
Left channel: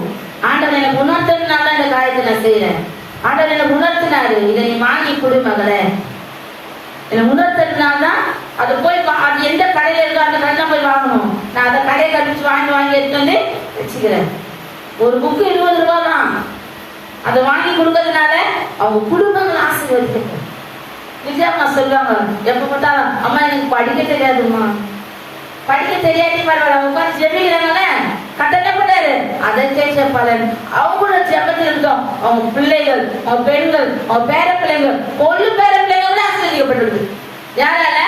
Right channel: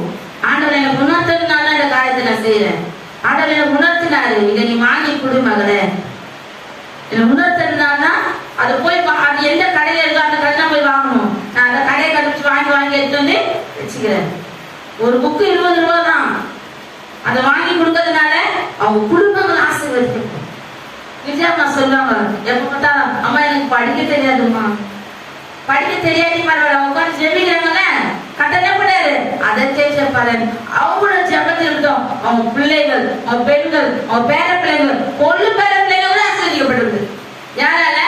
ஆண்டவர் எனக்கு உணர்த்ததுனால இந்த காரியத்தை நான் செய்யறேன். ஆண்டவர் எனக்கு உணர்த்தினாரு, இதை நீ வாங்கி கொடு மகளே. என்ன உணர்த்ததுனால்தான் அது போய் அது எந்த கடையில இருக்கோ அந்த கடை போய் வாங்கணும். நான் அந்த கடையை கழிச்சு வாங்கி எடுத்து வந்து வச்சுக்கிறேன். ஒரு புக்கு 20 ரூபா தான். அதை வாங்கி கொடுக்கறதுனால அவங்க குடும்பங்கள் ஆசீர்வதிக்கணும். விஜயம்மா சொல்லுவாங்க, எப்ப பார்த்தா அம்மா எனக்கு படிக்க தெரியாதுமா, படிக்க தெரியாதே பரவாயில்ல, உட்காந்து ஜெபிக்கிறாங்கல்ல, கட்டணே பண்ணாரு அதை கேட்க பாரு. அவங்களோட ஜெபத்தில் இருந்தோம் அவங்க பிள்ளைகள், அவங்க பெண்கள், அவங்க பேர பிள்ளைகள், கொள்ளு பேர பிள்ளைங்க கூட ஆசீர்வதிக்கப்பட்டிருக்கு. யாரால?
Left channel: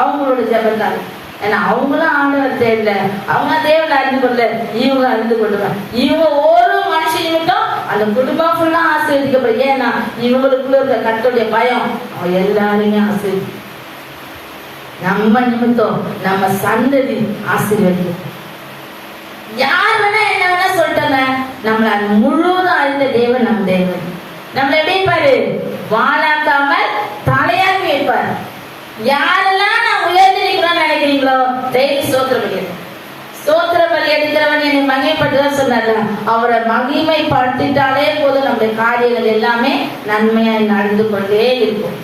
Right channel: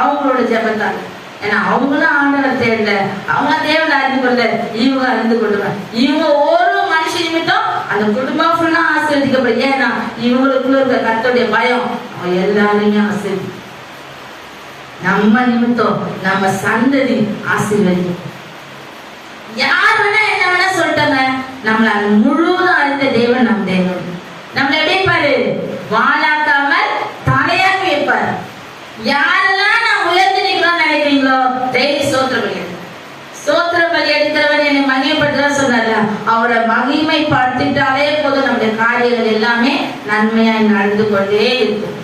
அவங்களோட ஜெபத்தால. ஏன்னா அவங்களும் ஆண்டவர் தேடல, அவங்க தேவனை அறிந்து கொள்ள, இவங்க அறிந்து கொள்ளுவாங்க. இவங்க ஒரு மனுஷ நிமித்தம் அந்த குடும்பம் ஃபுல்லா ஆசீர்வதிக்கப்படும். ஏன்னா இவங்களுக்குள்ள இருக்க கர்த்தருடைய பயம் அவங்க எல்லாரையுமே ஆசீர்வதி. நம்ம நிமித்தம் நம்ம சந்ததி ஆசீர்வதிக்கும். யார் வேணா என்ன வேணா சொல்லிட்டாங்க, நம்மள முழுவதும் அறிந்த தேவன் நம் தேவன். நம்மள எப்படி இருப்பாரு? வாழாக்காமல் தலையாக்கி வைப்பார். யாரெல்லாம் நான் உயர்ந்து நிற்கணும்னு நினைக்கிறீங்களோ டெய்லி சோத்திர பலி, சோத்திர பலி எடுக்கிறவன் என்னை மகிமைப்படுதான் சொன்னார். அவரை மகிமைப்படுத்திட்டாலே போதும், நம்முடைய காரியங்கள் எல்லாமே நன்மையாய் நடந்து கொண்டே இருக்கும்.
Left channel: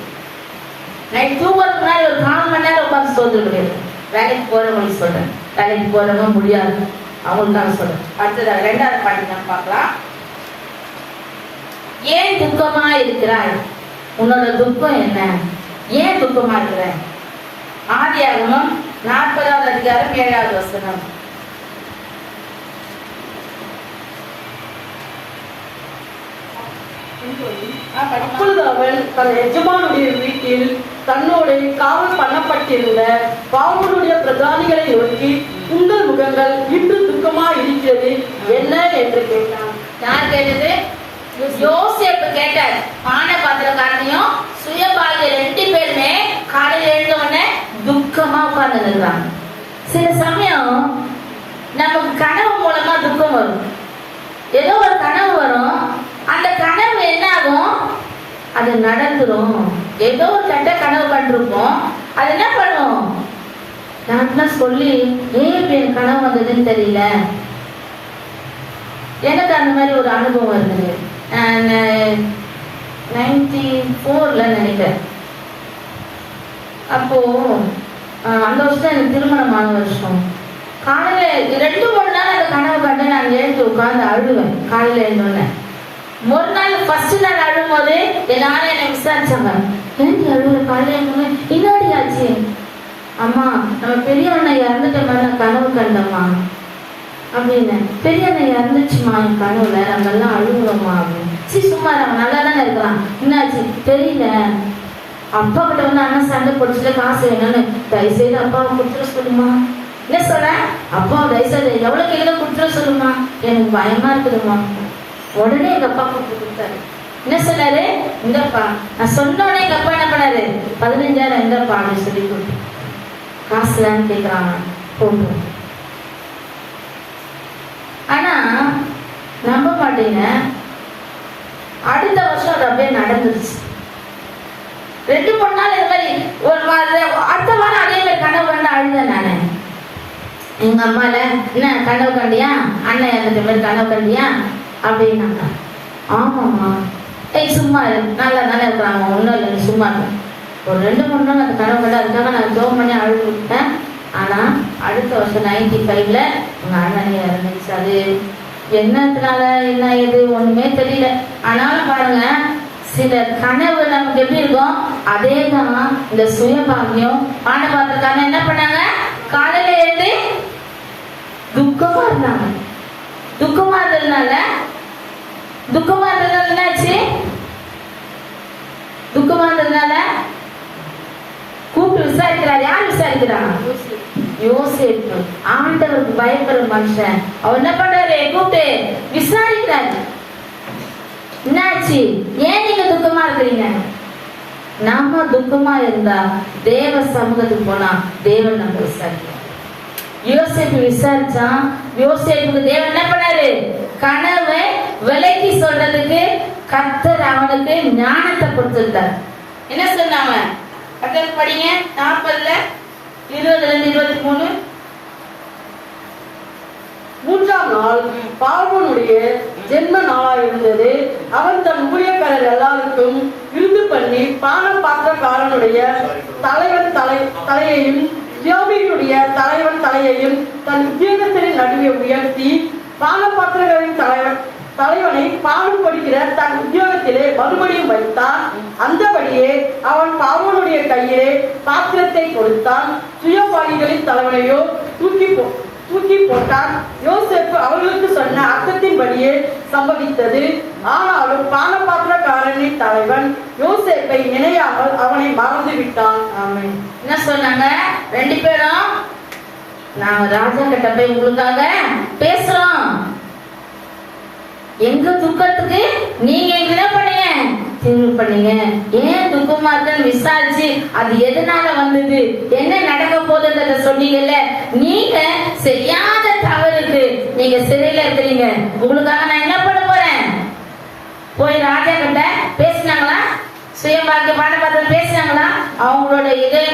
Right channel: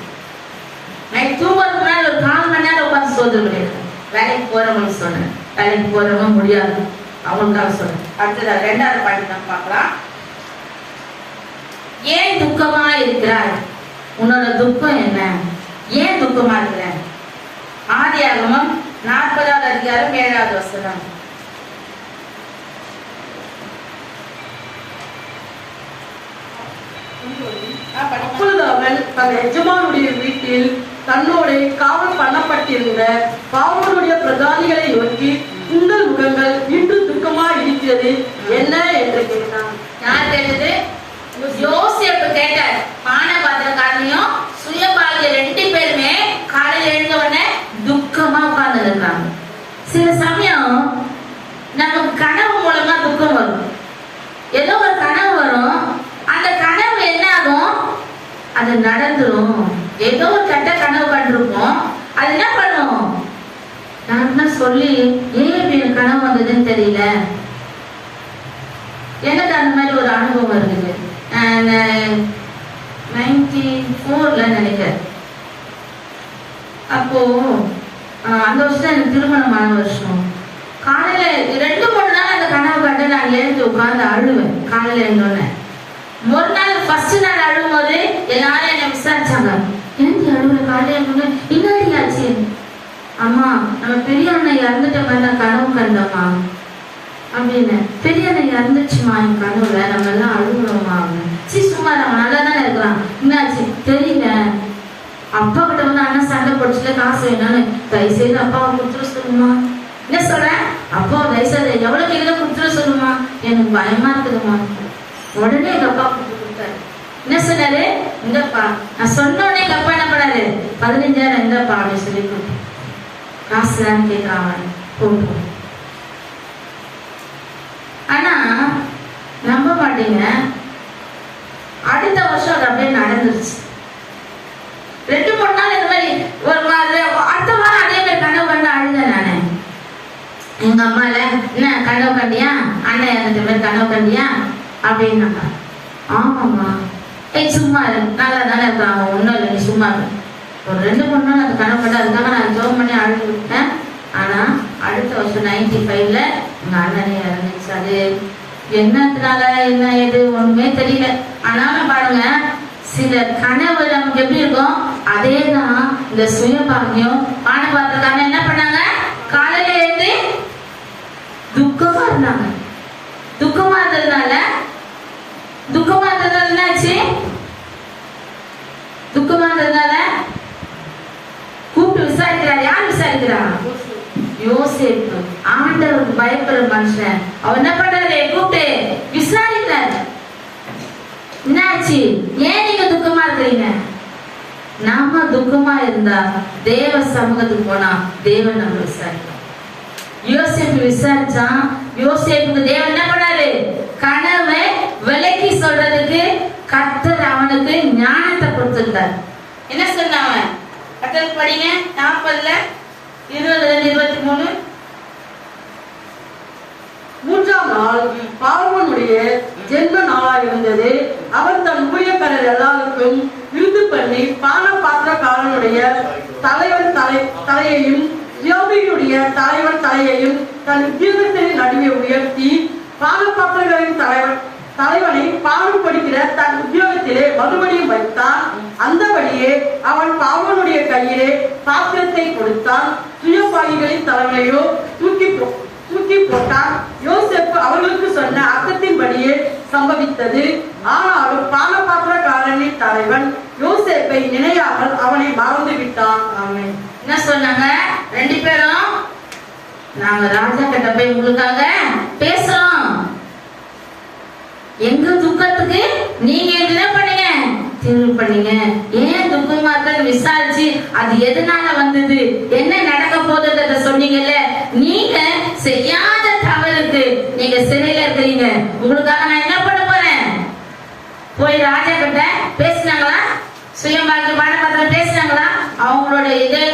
நான் தூங்குறதுக்கு முன்னாடி ஒரு 4 மணி நேரம் உட்காந்து சோதனை பண்ணிடுறேன். வேலைக்கு போறவங்களுக்கு சொல்றேன், வேலைக்கு போறவங்க முடியாது அவங்களுக்காக சொல்றேன். அடுத்தது 2வது பாட்டு நான் பார்க்கலாம். ஏன் துக்கமா இருக்கிறாய்? உன்னோட துக்கம் என்ன? ஏன் துக்கமா இருக்கிற? ஆதியாகமம் 40வது அதிகாரம் 7வது வசனம். அப்பொழுது அவன் தன் எஜமானுடைய வீட்டில் தன்னோட காவல் பண்ணப்பட்டிருந்த பாவனுடைய பிரதானிகளை நோக்கி, உங்கள் முகங்கள் இன்று துக்கமா இருக்கிறது என்ன என்று கேட்டான். யார் கேட்டது? யோசேப்பு கேட்டார். பானை பாத்திரக்காரனையும் சுயபாகிய 2 பேருமே காலையில எழுந்த உடனே துக்கமா உட்கார்ந்து இருக்கிறாங்க. சில சமயம் நமக்கு கனவு மூலமா துக்கம் வரும். ஏதோ ஒரு கனவு வரும், அந்த கனவு என்ன ஆகும்? அது நடந்துரும். ஏதோ ஒரு கட்ட கனவு கண்டிருப்போம், அது என்ன பண்ணும்? நான் சொல்லி ஏன் எனக்கு கனவு வந்ததுன்னு தெரியல. எனக்கு அந்த மாதிரி ஒரு அனுபவம் இருந்தது. 94ல நினைக்கிறேன். அப்போ அந்த வருஷம் எனக்கு திருமணமான வருஷம். காலையில 2-3 நாள் அந்த கனவு கண்டு நான் எழுந்து உட்கார்ந்து அழுவேன். காலையில எழுந்தோடனே ஒரு நாள் ஃபர்ஸ்ட் நாள் அழும்போது எல்லாரும் என்ன விசாரிச்சாங்க, ஏன் அழுவுல? காலையில எழுந்தோடனே பின்னாடி ஆச்சு. அம்மா, நம்ம பெரிய அண்ணன் இறந்துட்ட மாதிரி நான் கனவு கண்டோம்மா அப்படின்னு. பெரிய அண்ணன் இறந்துச்சுமா என் கனவுல, நம்ம எல்லாம் அழுகுறோமா அப்படின்னு. சும்மா நம்ம நல்லா தானே இருக்கிறான், என்னாச்சு தெரியல. அப்பா கிட்ட வந்து அண்ணன் சண்டை படிச்சுட்டு காசு வேணும்னு, தயவுசெய்து அப்பாவை கொடுத்துட சொல்லுமா. என்ன சொல்றேன்? அப்பா தயவுசெய்து எவ்வளவு கையில கொடுத்துட சொல்லுமா, எனக்கு பயமா இருக்குதுமா. உடனே எங்க அப்பா கொடுத்து கொடுத்தாரு. என்ன சொன்னாரு? இந்தப்பா. நான் சொன்ன உடனே எங்க அப்பா என்ன பண்ணாரு? 15,000 இந்தப்பா அப்படின்னு சொல்லி கொடுத்து. காசு தான் கேட்கிறான், போட்டு. ஆனா நம்ப மாட்டீங்க, அடுத்த வருஷம் அது அப்படியே நடந்துருச்சு. 2-3 நாள் இந்த மாதிரி ஒரு அடுத்த வாரம் அதே மாதிரி கனவு கண்டு அழுதேன் நானு. எங்க அம்மால, என்ன கனவு கண்டியா, அண்ணன் இறந்துட்ட மாதிரி கனவு கண்டியா அப்படின்னாங்க. ஆமாம்மா. சும்மா நல்லா தானே இருக்கிறாங்க, ஒன்றும் இல்லை, நீ சும்மா ஒரு 2-3 நாள் அந்த கனவு கண்டு, அதுக்காக நான் ஜோம் பண்ணி அழுது விட்டேன். ஆனா அடுத்த வருஷம் 95ல எங்க அண்ணனே இறந்துச்சு. அது என்னதுனால என்ன ஏது ஒண்ணுமே தெரியல. ஆனாலும் பாருங்க, சில கனவு நமக்கு எப்படி இருக்கும், அதேதான் இந்த சுயபாகியம். பானை பாத்திரக்காரங்க என்ன பண்ணாங்க? காலையில எழுந்து துக்கமா இருந்தாங்க. துக்கமா இருந்ததுனால என்னாச்சு? துக்கமா இருந்ததுனால கூப்பிட்டு விசாரிக்கிறார். யார் விசாரிக்கிறான்? யோசேப்பு. ஆண்டவருக்கு பயப்படுற மனுஷன். அவர் என்ன பண்றாரு? கூப்பிட்டு விசாரிக்கிறாரு. என்னாச்சு? ஏன் நீங்க துக்கமா இருக்கிறீங்க? நாம துக்கமா இருந்தா தேவ சமூகத்துக்கு போனா தேவன் நம்ம விசாரிக்கிறோம். யோசேப்பு விசாரிச்சான். யோசேப்புக்கு தேவன் என்ன பண்ணாரு? கனவை விலைக்கு சொல்றதுக்கு கர்த்தர் அவனுக்கு ஞானத்தை கொடுத்திருந்தார். என்ன சொன்னாங்க? கர்த்தர் படிங்க. 40ல 20-23. 3ஆம் நாள் பார்வோனுடைய ஜென்ம நாளாக இருந்தது. அவன் தன் ஊழியக்காரர் எல்லாருக்கும் விருந்து பண்ணி பான பாத்திரக்காரனுடைய தலையையும் யோகியுடைய தலைவன் தலையையும் தன் உத்தியோகத்தின் நடுவே உயர்த்தி, பான பாத்திரங்களின் தலைவனை பானம் படிக்கிற தன் உத்தியோகத்திலே மறுபடியும் வைத்தான். அந்தபடியே அவன் பார்வோனுடைய கையிலே பாத்திரத்தை கொடுத்தான். சுயபாகிகளின் தலைமையோ தூக்கி போட்டான். யோசேப்பு அவர்களுக்கு சொன்ன அர்த்தத்தின்படியே சம்பவித்தது. ஆனாலும் பானபாத்திரக்காரனின் தலைவன் யோசேப்பை நினையாமல் அவனை மறந்து விட்டான். என்ன சொன்னாங்க ரெண்டு பேரும்? நாங்க ராஜா கிட்ட போய் உங்களுக்காக பேசலாம். எங்க துக்கத்துக்கு நீங்க என்ன பண்ணீங்க? தீர்வு பண்ணீங்க. ஏன் துக்கமா இருக்க விசாரிச்சு அது எதனால வந்தது, என்ன நடக்க போகுதுன்றத சொன்னீங்கல்ல. நீங்க செய்யாத தவறுக்கு நீங்க சிறையில இருக்கிறீங்க. உங்களுக்காக நான் என்ன பண்ண போறேன்? போய் ராஜா கிட்ட பேசினாங்களா? சுயமாக பானபாத்திரம் பேசினாங்களா? அவங்களோட இது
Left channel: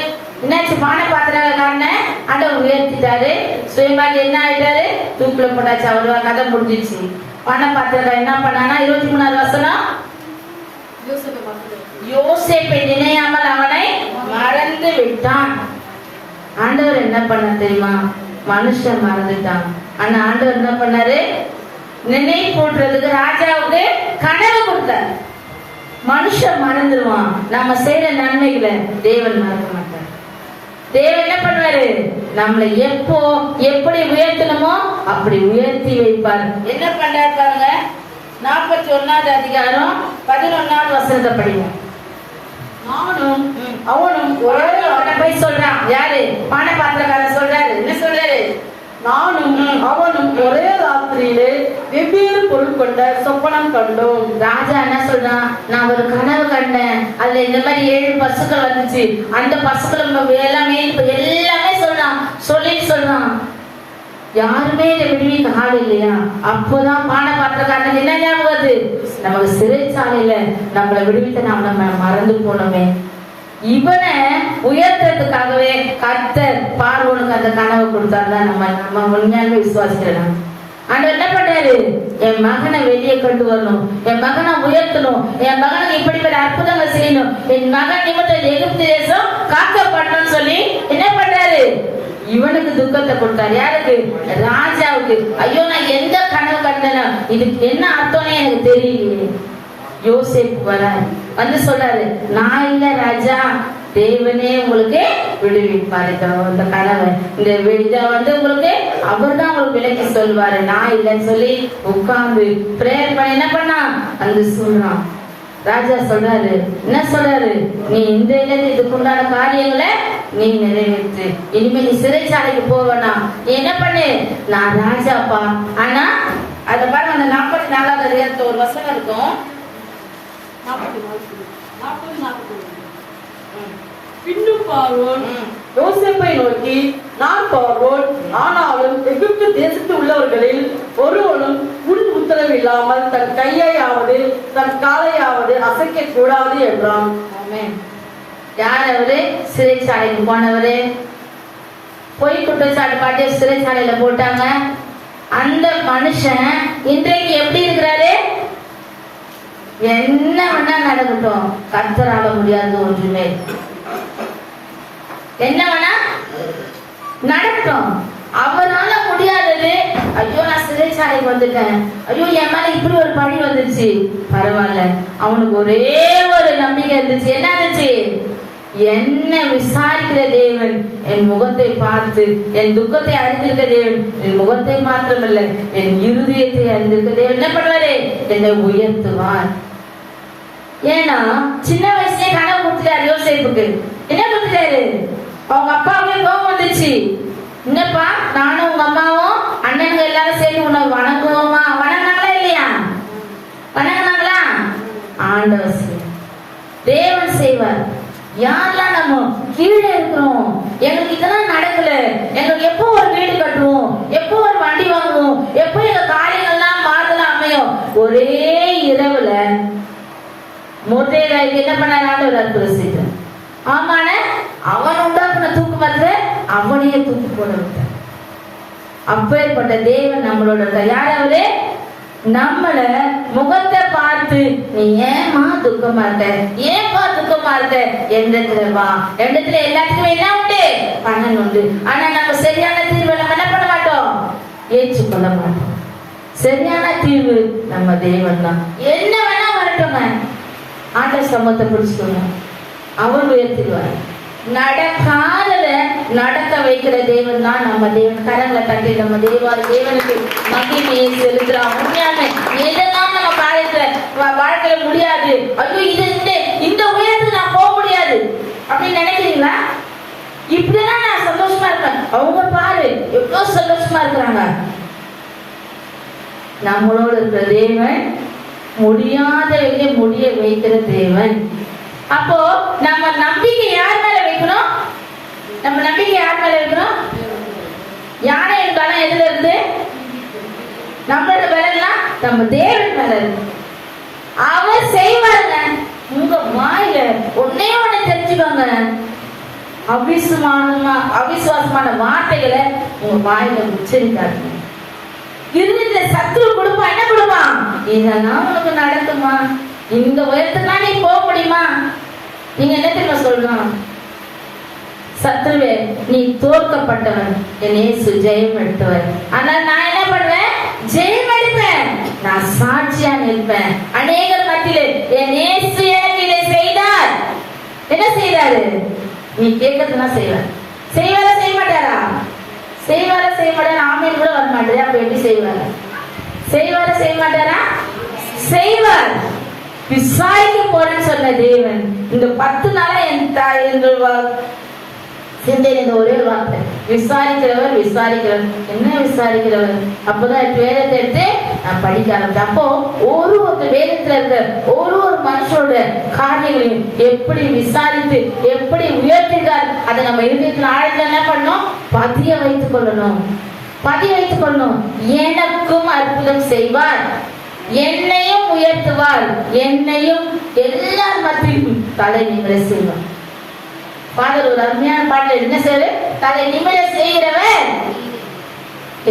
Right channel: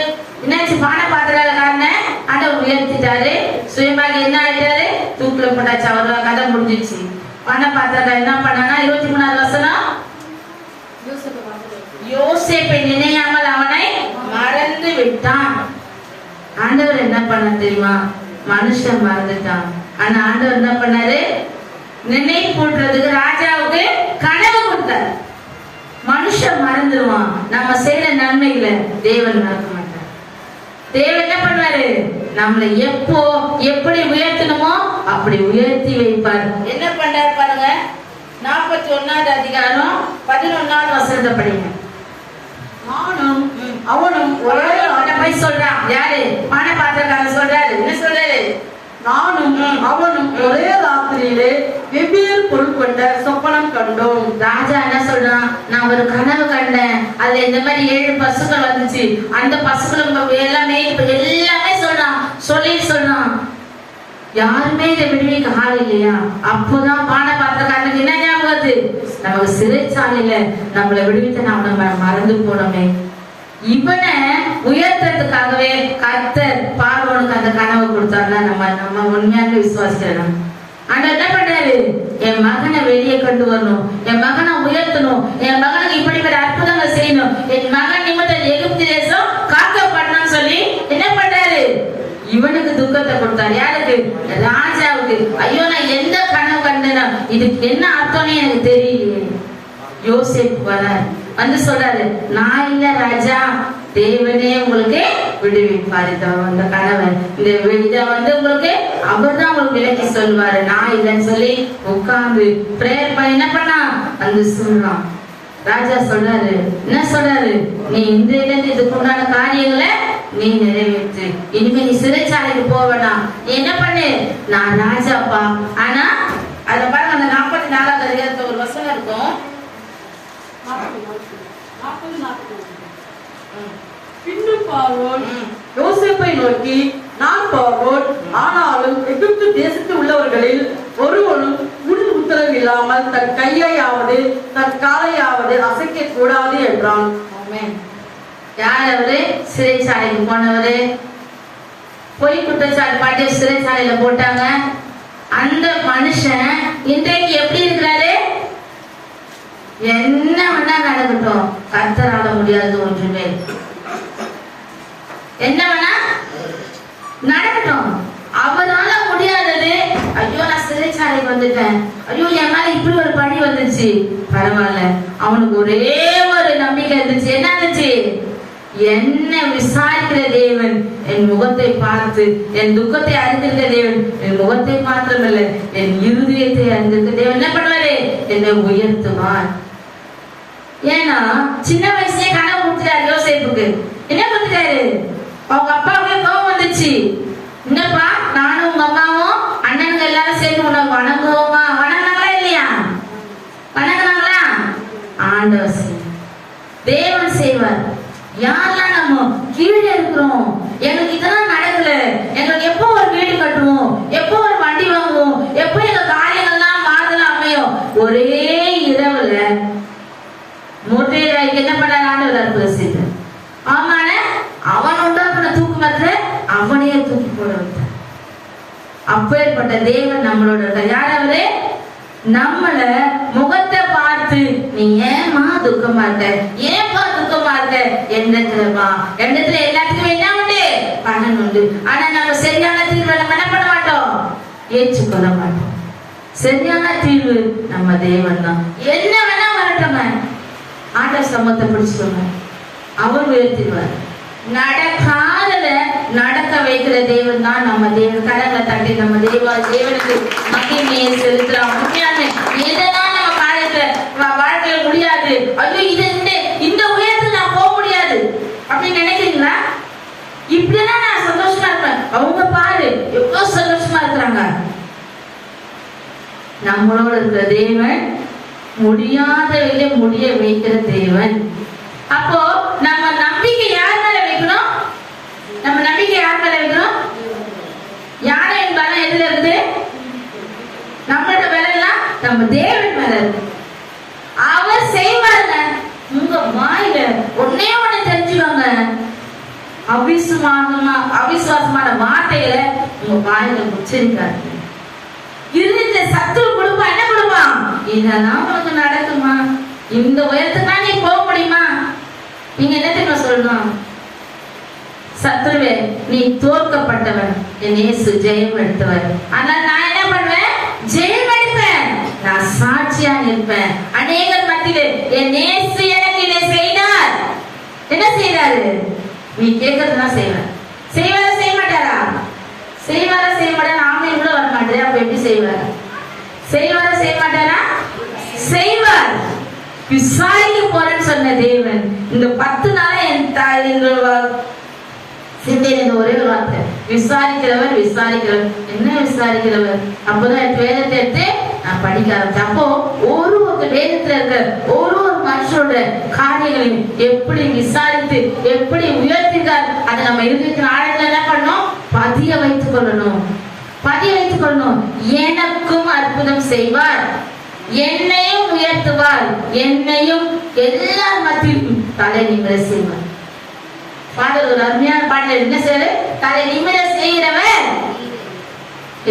என்னாச்சு? பானபாத்திரக்காரன ஆண்டவர் உயர்த்திட்டாரு. சுயமாக என்ன ஆயிட்டாரு? தூக்கில போட்டாச்சு. அவரோட கதை முடிஞ்சிச்சு. பானபாத்திரம் என்ன பண்ணாங்கன்னா 23வது வசனம், யோசேப்பை நினையாமல் அவனை மறந்து விட்டான். ஆண்டவர் என்ன பண்ண தெரியுமா? மனுஷன் மறந்துட்டான். ஆனா ஆண்டவர் என்ன பண்ணாரு? நினைவு கூட்டுறதுக்கு ராஜாவுக்கு கனவு கொடுத்தார். மனுஷன் மறந்துடுவான். நாம செய்யற நன்மைகளை தேவன் மறக்க மாட்டார். தேவன் என்ன பண்ணுவாரு? நம்மளை எப்போ எப்படி உயர்த்தணுமோ அப்படி உயர்த்தி வைப்பார். என்ன பண்றாரு பாருங்க. 41வது அதிகாரம் 11வது வசனத்தை படிங்க. நானும் அவனும் ஒரே போய் சொல்றான். யாரு? பானபாத்திரக்காரன் சொல்றாரு. என்ன சொல்றாரு? நானும் அவனும் ஒரே ராத்திரியிலே வெவ்வேறு பொருள் கொண்ட சொப்பனம் கண்டோம். ராஜா என்ன சொல்றான்? நான் ஒரு கனவு கண்டேன். அதுல இந்த மாதிரி 7 பசுக்கள் வந்துச்சு. அந்த பசுக்கள் எல்லாமே சொல்றான். யாருமே இதை விடுவிக்க ஆள் இல்லையா? அப்போதான் பானபாத்திரக்காரனுக்கு என்ன ஞாபகம் வருது? நமக்கு சிறைச்சாலையில நம்மளை விடுவித்த நம்ம மறந்து போனோமே. இவனை உயர்த்ததுக்காகவே கர்த்தர் பார்வோனுக்கு அந்த கனவை கொடுத்தாருன்னா நம்ம உண்மையாக விசுவாசிக்கிறோம். ஆனா என்ன பண்றாரு? என் மகனை வெளியே கொண்டு வரணும், என் மகனை உயர்த்தணும், என் மகனுக்கு இப்படிப்பட்ட அற்புதங்களை செய்யணும், என் மகன் நிமித்தம் எகிப்து தேசம் காக்கப்படணும்னு சொல்லி என்ன பண்றாரு? இவனுக்கு துக்கத்தை கொடுத்தாரு. யாருக்கு? ராஜாவுக்கு. ஐயோ, நான் எந்த கனவு கண்டனா, இதுக்கு என்ன அர்த்தம்னு எனக்கு தெரியலையே. யோசேப்பு வர வந்து சொல்றாரு, நான் இல்ல ராஜா, தேவனே உங்களுக்கு விடுவிப்பாரு. இந்த கனவை இந்த இதை உங்களுக்கு அவர் தான் உங்களுக்கு விலக்கி சொல்வாரு. நான் இல்லைன்னு சொல்லி உட்கார்ந்து பிரேயர் பண்ண என்ன பண்ணா அந்த சொல்றான். ராஜா சொல்றாரு, என்ன சொல்றாரு? நீ இந்த இதுக்கு உண்டான காரியங்களை நீ நிறைவேற்று. இனிமே நீ சிறைச்சாலைக்கு போவனா? நீ என்ன பண்ணு? நான் ராஜாப்பா. ஆனா அத பாருங்க, அந்த 44வது அதிகாரத்துல ஒரு வசனம் இருக்கும். பின்னும் பார்வோன் யோசேப்பை நோக்கி, நான் பார்வோன், ஆனாலும் எகிப்து தேசத்தில் உள்ளவர்களில் ஒருவனும் உள் உத்தரவு இல்லாமல் தன் கையையாவது தன் காலையாவது அசைக்க கூடாது என்றான். யார் அவரு? சிறைச்சாலைக்கு போனவரு. பொய் குற்றச்சாட்டு பாட்டி சிறைச்சாலையில போட்டாங்க. அந்த மனுஷன் இன்றைக்கு எப்படி இருக்கிறாரு? என்ன வேணா நடக்கட்டும், கர்த்தரால முடியாது ஒன்றுமே. என்ன வேணா நடக்கட்டும், அவரால முடியாதது. ஐயோ, நான் சிறைச்சாலைக்கு வந்துட்டேன், ஐயோ என் மேல இப்படி ஒரு பழி வந்துச்சு, பரவாயில்ல. அவனுக்கு ஒரே ஒரு நம்பிக்கை இருந்துச்சு. என்ன இருந்துச்சு? என்ன விசாரிக்கிற தேவன் என் முகத்தை பார்த்து என் துக்கத்தை அறிந்திருக்க தேவன் என் முகத்தை மாத்திரமல்ல என் இருதயத்தை அறிந்திருக்க தேவன் என்ன பண்ணுவாரு? என்னை உயர்த்துவார். ஏன்னா சின்ன வயசுலயே கனவு கொடுத்துட்டாரு யோசேப்புக்கு. என்ன கொடுத்துட்டாரு? அவங்க அப்பாவுக்கு கோபம் வந்துச்சு. என்னப்பா, நானும் உங்க அம்மாவும் அண்ணனுங்க எல்லாரும் சேர்ந்து உன்னை வணங்குவோமா? வணங்கினாங்களா இல்லையா? வணங்கினாங்களா? ஆண்டவர் தேவன் செய்வார். யாரெல்லாம் நம்ம கீழே இருக்கிறோம், எங்களுக்கு இதெல்லாம் நடக்கல, எங்களுக்கு எப்போ ஒரு வீடு கட்டுவோம், எப்போ ஒரு வண்டி வாங்குவோம், எப்போ எங்க காரியங்கள்லாம் மாறலாம் அமையும். ஒரே இரவுல மூட்டையில என்ன பண்ணாரு? ஆண்டவர் அற்புதம் செய்தார். ஆமான அவன் உண்டாக்குன தூக்கு மரத்துல அவனையே தூக்கி போட விட்டார். அப்பேற்பட்ட தேவன் நம்மளோட இருக்கார். யார் அவரு? நம்மள முகத்தை பார்த்து நீ ஏமா துக்கமா இருக்க, ஏன்பா துக்கமா இருக்க, எண்ணத்துல வா. எண்ணத்துல எல்லாத்துக்கும் என்ன உண்டு? பணம் உண்டு. ஆனா நாங்க சரியான தீர்வை நம்ம என்ன பண்ண மாட்டோம்? ஏற்றுக்கொள்ள மாட்டோம். சரியான தீர்வு நம்ம தேவன் தான். என்ன வேணா வரட்டும், ஆண்டவர் சமத்தை பிடிச்சுக்கோங்க, அவர் உயர்த்திடுவார். நடக்காதத நடக்க வைக்கிற தேவன் தான் நம்ம தேவன். கடவுளை தட்டி நம்ம தேவனுக்கு மகிமையை செலுத்துறோம். உண்மையான எதெல்லாம் நம்ம வாழ்க்கையில முடியாது, ஐயோ இது இந்த உயரத்துல நான் போக முடியாது அப்படின்னு நினைக்கிறீங்களா? இப்படிதான் நான் சந்தோஷமா இருப்பேன். அவங்க பாரு எவ்வளவு சந்தோஷமா இருக்கிறாங்க. நம்மளோட இருக்கிற தேவன் முடியாதவர்களை முடிய வைக்கிற தேவன். அப்போ நம்ம நம்பிக்கை யார் மேல வைக்கணும்? நம்ம நம்பிக்கை யார் மேல வைக்கணும்? யாரையின் பலம் எதுல இருந்து? நம்மளோட பலம் நம்ம தேவன் மேல இருக்கு. அவர் செய்வாங்க. உங்க வாயில ஒன்னே ஒண்ணு தெரிஞ்சுக்கோங்க, அவிசுவாசமான வார்த்தைகளை உங்க வாயில உச்சரிக்காது. இருந்த சத்துரு கொடுப்பா என்ன கொடுப்பான்? இதெல்லாம் உனக்கு நடக்குமா? இந்த உயரத்துக்கு நீ போக முடியுமா? நீங்க என்ன தெரியுமா சொல்லணும்? சத்துருவே நீ தோற்கப்பட்டவன், என் இயேசு ஜெயம் எடுத்தவர். ஆனால் நான் என்ன பண்ணுவேன்? ஜெயம் எடுப்பேன். நான் சாட்சியா நிற்பேன் அநேகர் மத்தியிலே. என் இயேசு எனக்கு இதை செய்தார். என்ன செய்தாரு? நீ கேட்கறதுதான் செய்வார். செய்வாரா செய்ய மாட்டாரா? செய்வாரா செய்ய மாட்டாரா? ஆமையில் கூட வர மாட்டாரு. அப்ப எப்படி செய்வார்? செய்வாரா செய்ய மாட்டாரா? செய்வார். விசாரிக்க போறேன்னு சொன்ன தேவன் இந்த 10 நாளா என் தாய் சிந்தையில் இந்த ஒரே ஒரு வார்த்தை, விசாரிக்கிறவர் விசாரிக்கிறவர். என்ன விசாரிக்கிறவர்? அப்போதான் வேதத்தை எடுத்து நான் படிக்க ஆரம்பிச்சேன். அப்போ ஒரு வேதத்துல இருக்க ஒரு மனுஷனோட காரியங்களையும் எப்படி விசாரித்து எப்படி உயர்த்திருக்கார் அதை நம்ம இருக்கிற ஆழத்துல என்ன பண்ணணும்? பதிய வைத்துக் கொள்ளணும். பதிய வைத்துக் கொள்ளணும். எனக்கும் அற்புதம் செய்வார், என்னையும் உயர்த்துவார், என்னையும் எல்லார் மத்தியிலும் தலை நிமிர செய்வார். பாடல் ஒரு அருமையான பாடல். என்ன செய்யற? தலை நிமிர செய்கிறவன்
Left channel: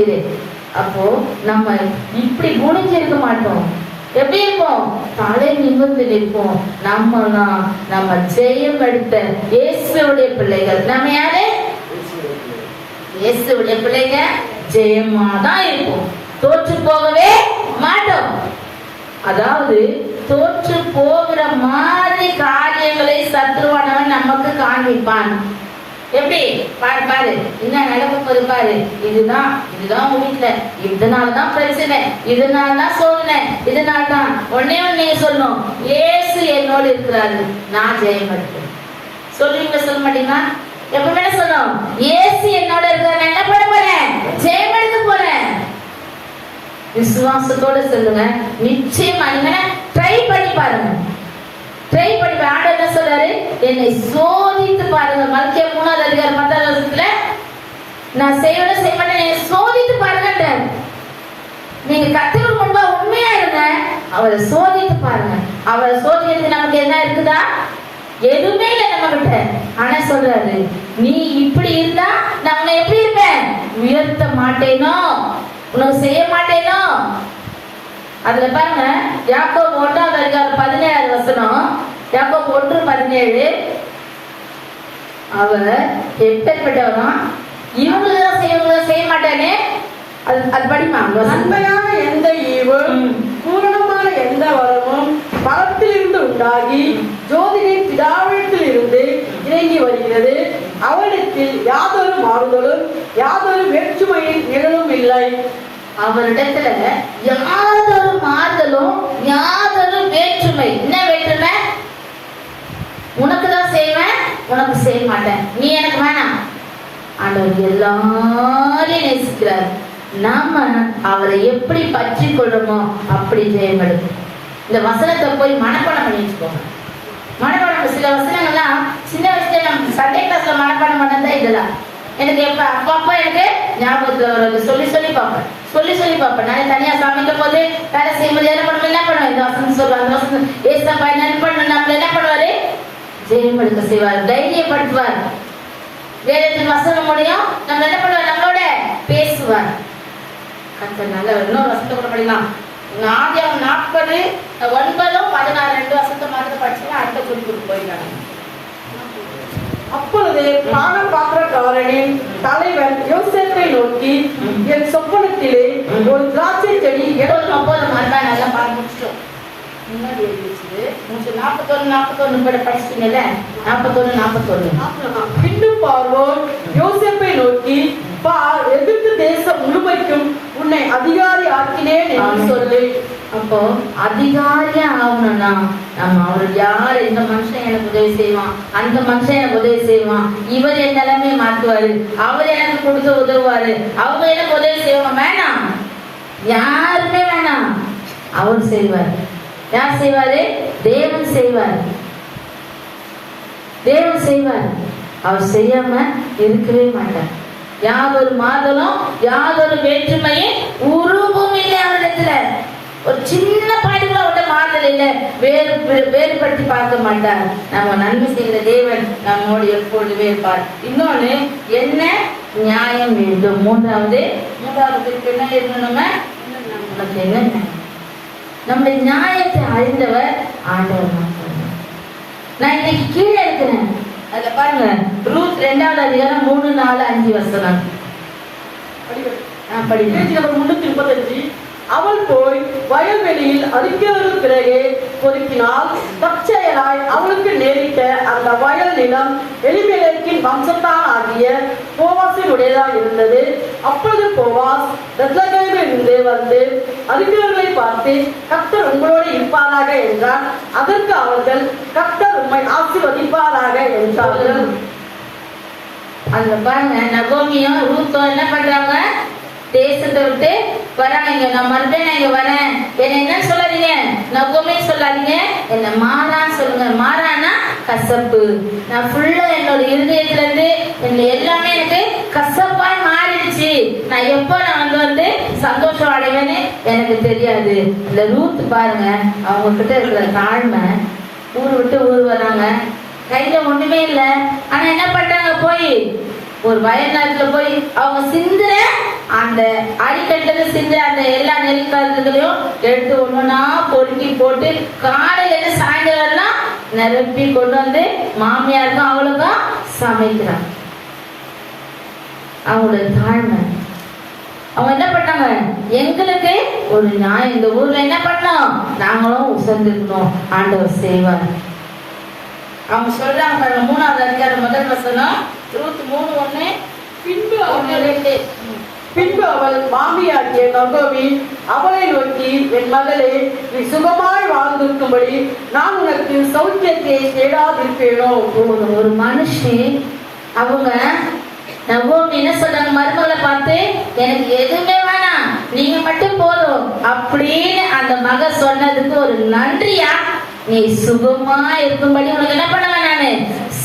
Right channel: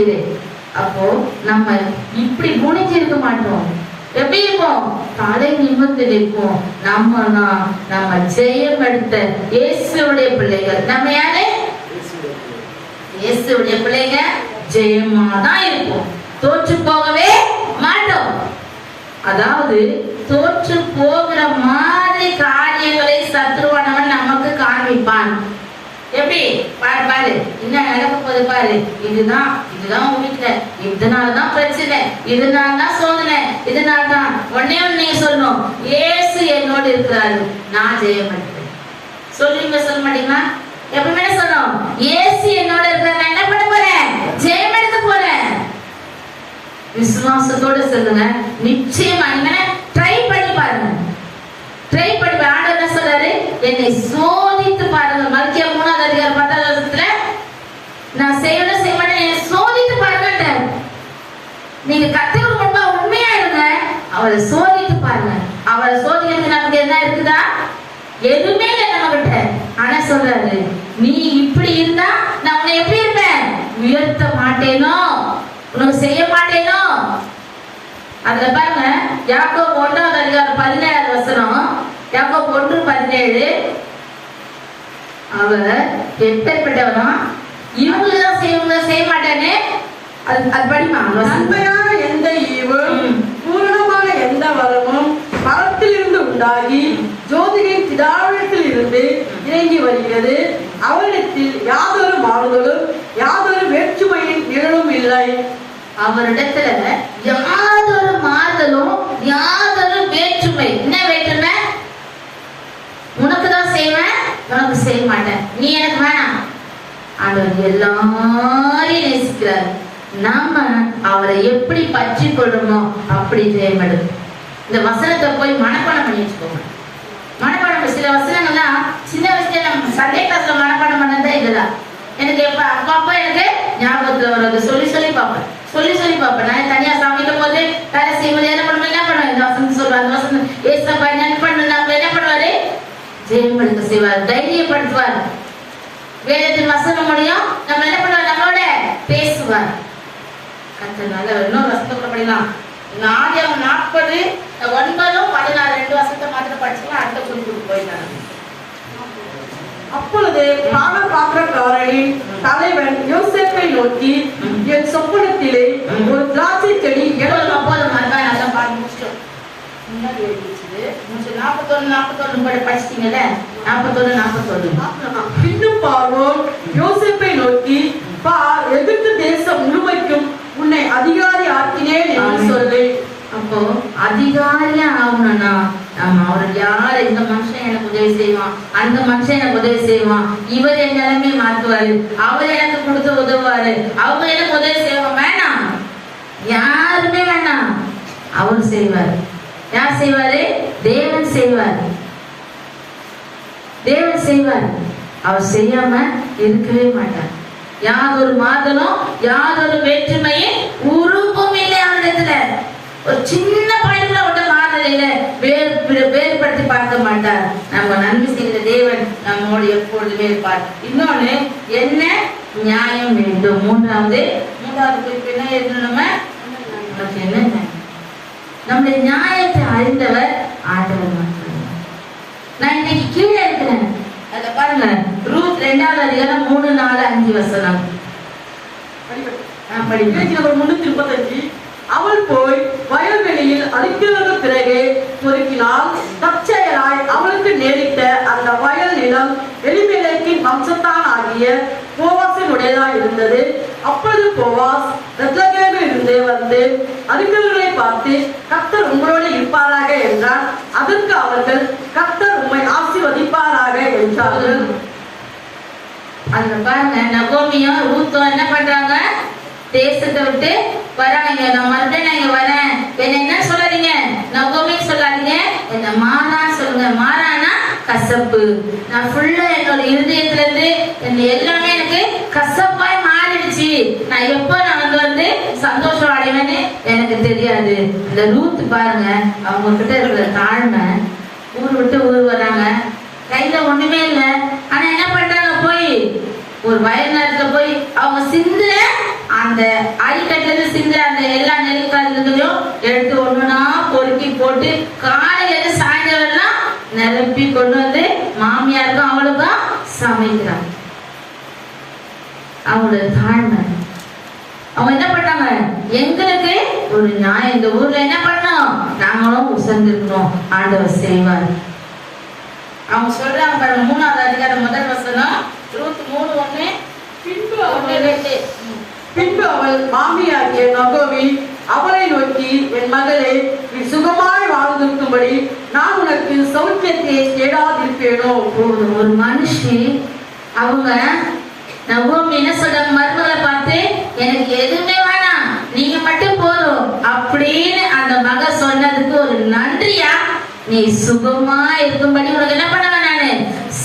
இது. அப்போ நம்ம இப்படி குணிஞ்சு இருக்க மாட்டோம். எப்படி இருப்போம்? தலை நிமிர்ந்து நிற்போம். நம்ம ஜெயம் எடுத்த இயேசுவுடைய பிள்ளைகள். நம்ம யாரு? இயேசுவுடைய பிள்ளைங்க. ஜெயமா தான் இருப்போம், தோற்று போகவே மாட்டோம். அதாவது தோற்று போகிற மாதிரி காரியங்களை சத்ருவானவன் நமக்கு காண்பிப்பான். எப்படி? பாரு பாரு என்ன நடக்க போது பாரு, இதுதான் வீட்டுல, இதனாலதான் பிரச்சனை, இதனாலதான் சோதனை, இதனால்தான். உடனே நீங்க சொல்லணும், இயேசு என்னோடு இருக்கிறாரு, நான் ஜெயம் எடுப்பேன். சொல்லுவீங்க, சொல்ல மாட்டீங்களா? எப்பவுமே சொல்லணும், இயேசு என்னோட இருக்கிறார், என்ன பண்ண போறேன்? ஜெயம் எடுக்க போறேன். விசுவாசத்தோட சொல்லுங்க. நிச்சயமா நீங்க ட்ரை பண்ணி பாருங்க. ட்ரை பண்ணி ஆண்டவர் என்ன சொல்றாரு? என்னை சோதித்து பாருங்க. மல்கியா 3ஆம் அதிகாரம் 10ஆம் வசனத்துல நான் செய்யணும் என்னை சோதித்து பாருங்க. நீங்க கர்த்தருக்கு முன்பா உண்மையா இருங்க, அவரை சோதித்து பாருங்க. அவரை சோதிக்கிறது நமக்கு என்ன இருக்குதா? எதுவுமே இல்லை நம்ம கிட்ட. ஆனா சொல்றாரு, நீ இப்படி இருந்தா நான் உன்னை எப்படி இருப்பேன்? உயர்த்த மாட்டேனோ, உனக்கு செய்ய மாட்டேனோ. அதுல பாருங்க, யாக்கோபு 1ஆம் அதிகாரம் 17ஆம் வசனம். யாக்கோபு 1:17. அவர் எப்பேற்பட்டவனா? இவங்கதான் செய்ய மாட்டேன்னு. அது படிமா. உண்மையான எந்த ஈவும் பூரணமான எந்த வரமும் பரத்திலிருந்து உண்டாகி ஜோதியின் பிதாவிடத்தில் இருந்து இறங்கி வருகிறது. அவரிடத்தில் யாதொரு மாறுதலும் யாதொரு வேற்றுமையின் நிழலும் இல்லை. அவரிடத்துல யாதொரு மாறுதலும் யாதொரு வேற்றுமை. என்ன வேற்றுமை? உனக்குதான் செய்வேன், உனக்கு செய்ய மாட்டேன், நீ எனக்கு வேணாம். ஆண்டவர் எல்லாரையும் நேசிக்கிறார். நாம அவரை எப்படி பற்றி கொள்றோமோ அப்படி ஜெயமெடும். இந்த வசனத்தை போய் மனப்பாடம் பண்ணி வச்சுக்கோங்க. மனப்பாடம் சில வசனங்கள்லாம் சின்ன வயசுல நம்ம சண்டே கிளாஸ்ல மனப்பாடம் பண்ணதா இதெல்லாம் எனக்கு அப்பா எனக்கு ஞாபகத்துல வர்றது. சொல்லி பார்ப்பேன். நான் தனியா சமைக்கும் போது வேலை செய்யும்போது என்ன பண்ணுவேன்? இந்த வசனம் சொல்லுவாங்க, அந்த வசனம் ஏசப்பா என்ன பண்ணணும், நம்ம என்ன பண்ணுவாரு? ஜெயம் எடுக்க செய்வார், தைரியப்படுத்துவார். வேதத்தின் வசனம் முடியும் நம்ம என்ன பண்ணுவார்? நம்மளோட பேசுவார். இன்னும் வசனத்தை கூட படிக்கலாம். ஆதியாகமம் 40:9-16 2 வசனத்தை மாத்திரம் படிச்சுன்னா அடுத்த சொல்லி கொடுத்து போயிருக்காங்க. அப்பொழுது பானபாத்திரக்காரனின் தலைவன் யோசேப்பை நோக்கி, என் சொப்பனத்திலே ஒரு திராட்சை செடி நல்லா பாடம் முடிச்சிட்டோம். முன்னாடி எழுதிச்சு 40 41 படிச்சிட்டீங்கல்ல, 41. பின்னும் பார்வோன் யோசேப்பை நோக்கி, பார், எகிப்து தேசம் முழுமைக்கும் உன்னை அதிகாரி ஆக்கினேன் என்று சொல்லி. அப்போ அதிகாரியா ஆகணும்னா அவர் யாரு, இந்த மனுஷன் எனக்கு உதவி செய்வான், அந்த மனுஷன் எனக்கு உதவி செய்வான், இவர் என் நிலைமையை மாத்துவாரு, அவர் எனக்கு கொடுத்து உதவுவாரு, அவர் எனக்கு உதவி செய்வான், வேணாம், யாருமே வேணாம், அவர் செய்வார். யார் செய்வாரு? தேவன் செய்வார். தேவன் செய்வார். அவர் செய்யாம இருக்கவே மாட்டார். யாதொரு மாதலும் யாதொரு வேற்றுமையும் உருவும் இல்லை அவரிடத்துல. ஒரு சின்ன பாயிண்ட்ல விட்ட மாதல் இல்லை, வேறுபடுத்தி பார்க்க மாட்டார். நம்ம நன்மை செய்கிற தேவன் நம்மோடு எப்பொழுதுமே இருப்பார். இன்னொன்னு என்ன? நியாயம் வேண்டும். மூன்றாவது குறிப்பு என்ன இருக்கணும்? நமக்கு என்ன நியாயம்? நம்முடைய நியாயத்தை அறிந்தவர் ஆண்டவர். நான் இன்னைக்கு கீழே இருக்கிறேன். அதுல பாருங்க, ரூத் 2வது அதிகாரம் 3, 4, 5 வசனம் படிக்க. 335. அவள் போய் வயல்வெளியில் அடிக்கிறது பிறகு பொறுப்பினால் தற்செயலாய் அவளுக்கு நேரிட்ட அந்த வயல் நிலம் எலிமெலேக்கின் வம்சத்தான் ஆகிய போவாசின் உடையதாய் இருந்தது. அப்பொழுது போவாஸ் பெத்லகேமில் இருந்து வந்து அறிந்தவர்களை பார்த்து, கர்த்தர் உங்களோடு இருப்பாராக என்றார். அதற்கு அவர்கள், கர்த்தர் உம்மை ஆசீர்வதிப்பாராக என்றார்கள். அந்த பாருங்க, நகோமியும் ரூத்தும் என்ன பண்றாங்க? தேசத்தை விட்டு வராங்க. நான் மறுபடியும் நான் இங்க வரேன், என்ன சொல்லாதீங்க, நகோமி சொல்லாதீங்க, என்ன மாறான்னு சொல்லுங்க. மாறானா கசப்பு. நான் ஃபுல்லா என்னோட இருதயத்துல இருந்து எல்லாமே எனக்கு கசப்பாய் மாறிடுச்சு. நான் எப்ப நான் வந்து சந்தோஷம் அடைவேன்னு எனக்கு தெரியாது. இந்த ரூத் பாருங்க, அவங்க கிட்ட இருக்கிற தாழ்மை, ஊர் விட்டு ஊர் வராங்க, கையில ஒண்ணுமே இல்லை. ஆனா என்ன பண்றாங்க? போய் ஒரு வயல் நேரத்துல போய் அவங்க சிந்துற அந்த அடிக்கட்டுல சிந்துற அந்த எல்லா நெல்களையும் எடுத்து ஒண்ணுனா பொறுக்கி போட்டு காலையில இருந்து சாயந்தரம் நிரப்பி கொண்டு வந்து மாமியாருக்கும் அவளுக்கும் சமைக்கிறாங்க. அவங்களோட தாழ்மை. அவங்க என்ன பண்ணாங்க? எங்களுக்கு ஒரு நியாயம் இந்த ஊர்ல என்ன பண்ணோம், நாங்களும் உசர்ந்துருக்கோம், ஆண்டவர் செய்வார். அவங்க சொல்றாங்க பாருங்க, 3வது அதிகாரம் 1 வசனம், ரூத் 3:1. பின்பு அவள் மாமியாகிய நகோமி அவளை நோக்கி, என் மகளே, நீ சுகமாய் வாழ்ந்திருக்கும்படி நான் உனக்கு சௌக்கியத்தை தேடாதிருப்பேனோ. ஒரு மனுஷி அவங்க நகோமி என்ன சொல்றாங்க? மருமகளை பார்த்து, எனக்கு எதுவுமே வேணாம், நீங்க மட்டும் போதும் அப்படின்னு அந்த மக சொன்னதுக்கு ஒரு நன்றியா, நீ சுகமா இருக்கும்படி உனக்கு என்ன பண்ணுவேன், நானு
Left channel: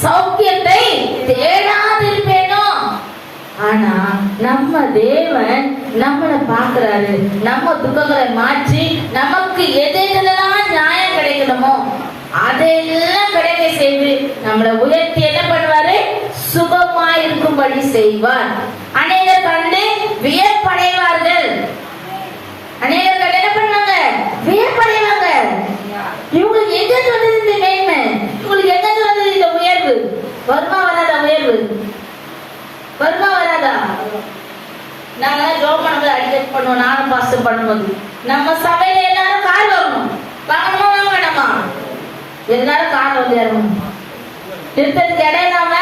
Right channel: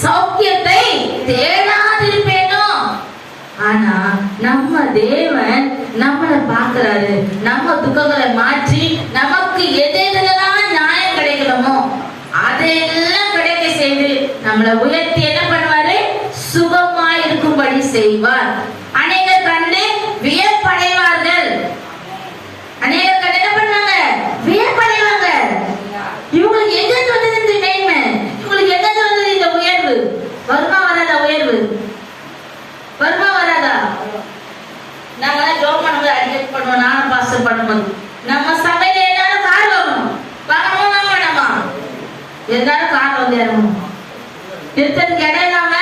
சௌக்கியத்தை தேடாதிருப்பேனோ. ஆனா நம்ம தேவன் நம்மளை பார்க்கிறாரு. நம்ம துக்கங்களை மாற்றி நமக்கு எதெல்லாம் நியாயம் கிடைக்கணுமோ அதெல்லாம் கிடைக்க செய்து நம்மளை உயர்த்தி என்ன பண்ணுவாரு? சுகமா இருக்கும்படி செய்வார். அநேகர் கண்டு வியப்படைவார்கள். அநேகர் கண்டு என்ன பண்ணாங்க? வியப்படைவாங்க. இவங்களுக்கு எங்க வந்தது இந்த மேன்மை? இவங்களுக்கு எங்க வந்தது இந்த உயர்வு? வருமா வராதா? உயர்வு வருமா வராதா? நாங்க ஜோம் பண்ணும்போது அட்ஜஸ்ட் பண்ணுவோம். நான் பாஸ்டர் பண்ணும்போது நம்ம சபையில எல்லாரும் கார் வாங்கணும். வாங்கணுமா வேணாமா? எல்லாரும் கார் வந்து இறங்கணும். நிறுத்தத்துக்கு இடம் இல்லாம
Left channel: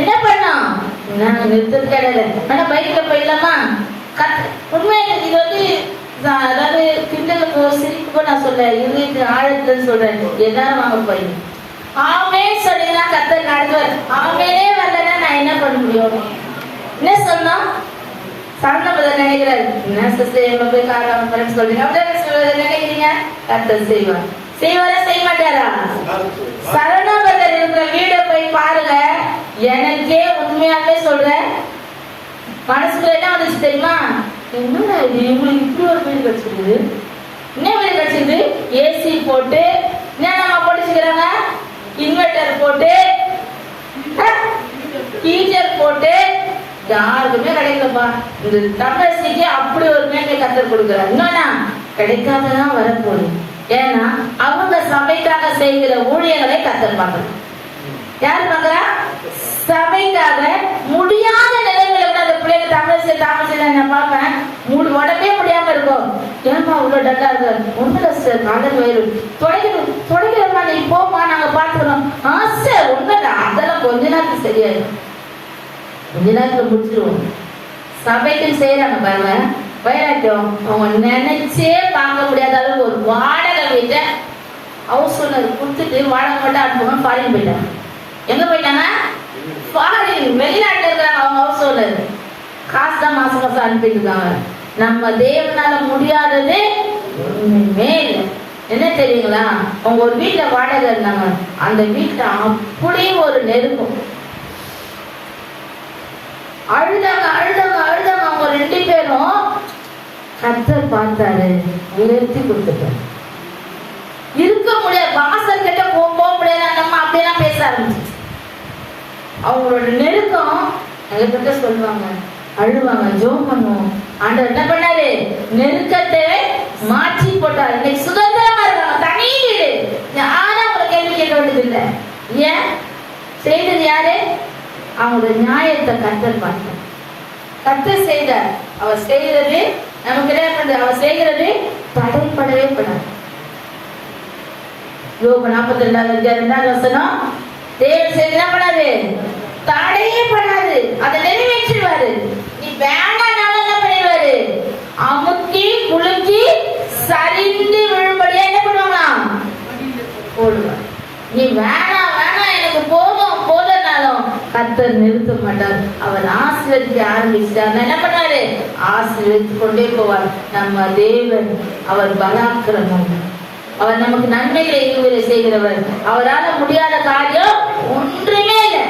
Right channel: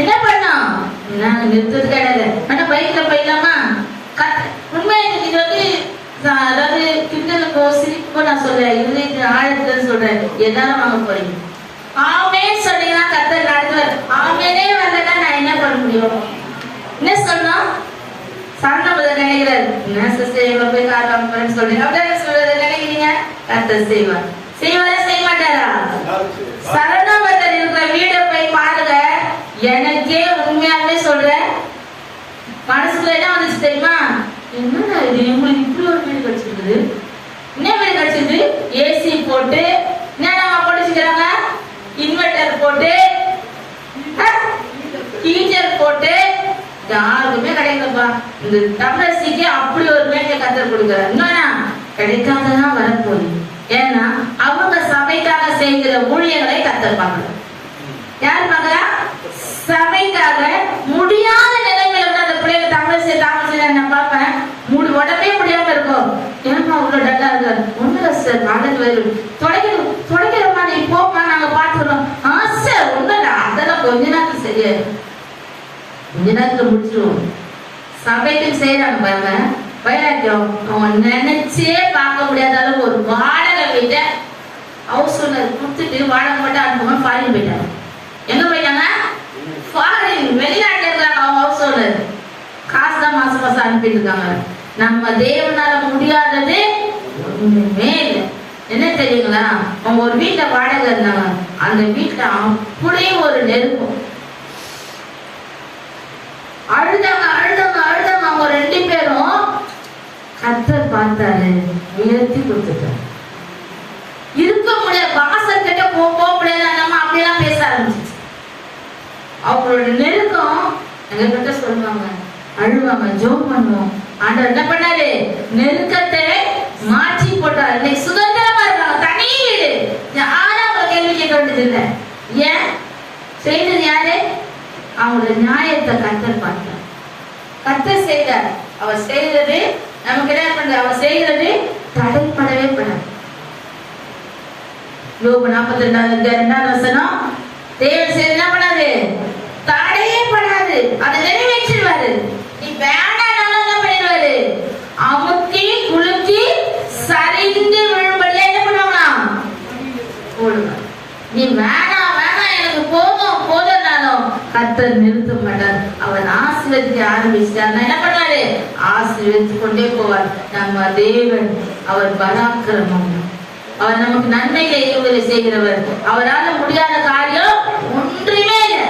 என்ன பண்ணோம்? நாங்க நிறுத்தத்துக்கு இடம் இல்லை, ஆனா பைக்ல போயிடலாமா? உண்மை இது வந்து அதாவது கிண்டலுக்கோ சிரிப்புக்கோ நான் சொல்ல, இருதயத்தின் ஆழத்துல சொல்றேன். எல்லாரும் வாங்க போறீங்க, ஆமே சொன்னீங்கன்னா கர்த்தர் நடத்துவார். ஆமேனே வரலன்னா நான் என்ன பண்ண முடியும்? என்ன சொன்னா சரணபதர் நினைக்கிறார். என்ன சிஸ்டர் எவ்வளவு போய் காரணம் சொல்றீங்க, அப்படியே நினைக்கிறீங்க. கர்த்தர் செய்வார். செய்வாரா செய்ய மாட்டாரா? சரணபதர் இருக்கிற வீடியோ போய் பாருங்க. எனக்கே உண்மையாவே சொல்றேன், மனசுக்குள்ள என்ன வந்துச்சு தெரியுமா? என்னடா இது, இவங்களுக்கு இப்படி ஒரு வீடு கிடைச்சிருக்குது, என்ன வீடு கிடைச்சிருது? ஏசி போட்டு என்ன படிச்சுக்கிறாங்க, இன்வெர்டர் போட்டு ஹீட்டர் போட்டு, யாருக்குமே கிடைக்கலப்பா. இந்த தமிழசிக்கு அப்படி ஒரு மேங்க கத்தர் கொடுக்குறாரு. இன்னொன்னா கிடைக்காததான் வரப்போகுது. ஏன்னா அவங்க சபைக்காக செய்கிற ஊழியர்களை கத்தருப்பாங்க. யார் பாக்குறா? சபைக்காக முடியாத நிலைமையில அந்த பிள்ளைங்க தமிழ் நான் பார்ப்பேன், உடம்பே முடியாம இருக்கும். ஏமா அவ்வளவு டல்லா இருக்கு? ஒண்ணு கஷ்டம், காலையில் துடைக்கிறமா, நீ போ சரியாயிடும். கொஞ்ச நேரத்துல முடிச்சிருவோம். சபைக்கு செய்யறாங்க பாருங்க, வைராக்கியம். அவங்க நினைச்சே பார்க்க முடியாத அளவு ஒரு வாடகை வீட்டை ஹவுஸ் ஓனர் கொடுத்துட்டு வாடகை மட்டும் அனுப்பணும். ஃபாரின் போயிட்டாங்க. எங்க போயிட்டாங்க? ஃபாரின், வெளிநாட்டுல இருக்கிறாங்க. அவங்க ஹவுஸ் ஓனர் காசு தான் மாசம் மாசம் அனுப்பிட்டு இருக்காங்க. நம்ம தேவனால முடியாதது ஒண்ணுமே இல்லை. என்ன தெரியுங்களா? அவங்க ஒரு வீட்டுல வாடகை இருந்தாங்க. அந்த வீட்டுல அப்படியே ஒரு நெருக்கம். அழுதாங்க அழுதாங்க அழுதாங்க. அவங்க 2 பேரும் கர்த்தர் பார்த்தாரு, உயர்த்தி கொடுத்துட்டாங்க. இருக்க முடியாது, வாசல் கிட்ட போக முடியாது. நம்ம அப்படியெல்லாம் பேச ஆரம்பிச்சு. அவங்களோட நெருக்கம் எங்ககிட்ட சொல்லுவாங்க, அழுவாங்க, ஜோம் பண்ணுவோம். ஆண்டவர் என்ன பண்ணாரு? நெருக்கத்தை மாற்றி போட்டாரு. இன்னைக்கு சுதந்திரமா இருக்காங்க, தனி வீடு. யாரும் அவங்களை கேள்வி கேட்க வேண்டியது இல்லை. ஏன்? செய்தது யாரு? அவங்களோட நியாயத்தை கர்த்தர் பார்த்தார். கர்த்தர் செய்தார். அவர் செய்தது நமக்கு என்ன பண்றது? அவர் செய்கிறது தடைப்படவே பண்ணார். யோபு 42:2 தேவன் செய்து என்ன பண்ணாது? தடையே பண்ணாது. அதை நிறைவேற்றிடுவாரு. நீ வேணாலும் என்ன பண்ணிடுவாரு? அமுக்கி குலுக்கி சரிந்து விழும்படியா என்ன பண்ணுவாங்களாம்? போடுவார். நீ வேணாம் வேணாம் எனக்கு போதும் போதும்னாலும் கர்த்தர் நிறுத்த மாட்டார். அவர் ஆசீர்வதிக்க ஆரம்பிச்சிட்டார். என்ன பண்ணாரு? ஆசீர்வதித்து கொண்டே போவார். நம்ம தேவன் அவர் பராக்கிரமம். அவர் நமக்கு நன்மைகளை ஈவுகளை செய்கிறவர். அவரால் முடியாத காரியம் ஒன்றுமே இல்லை.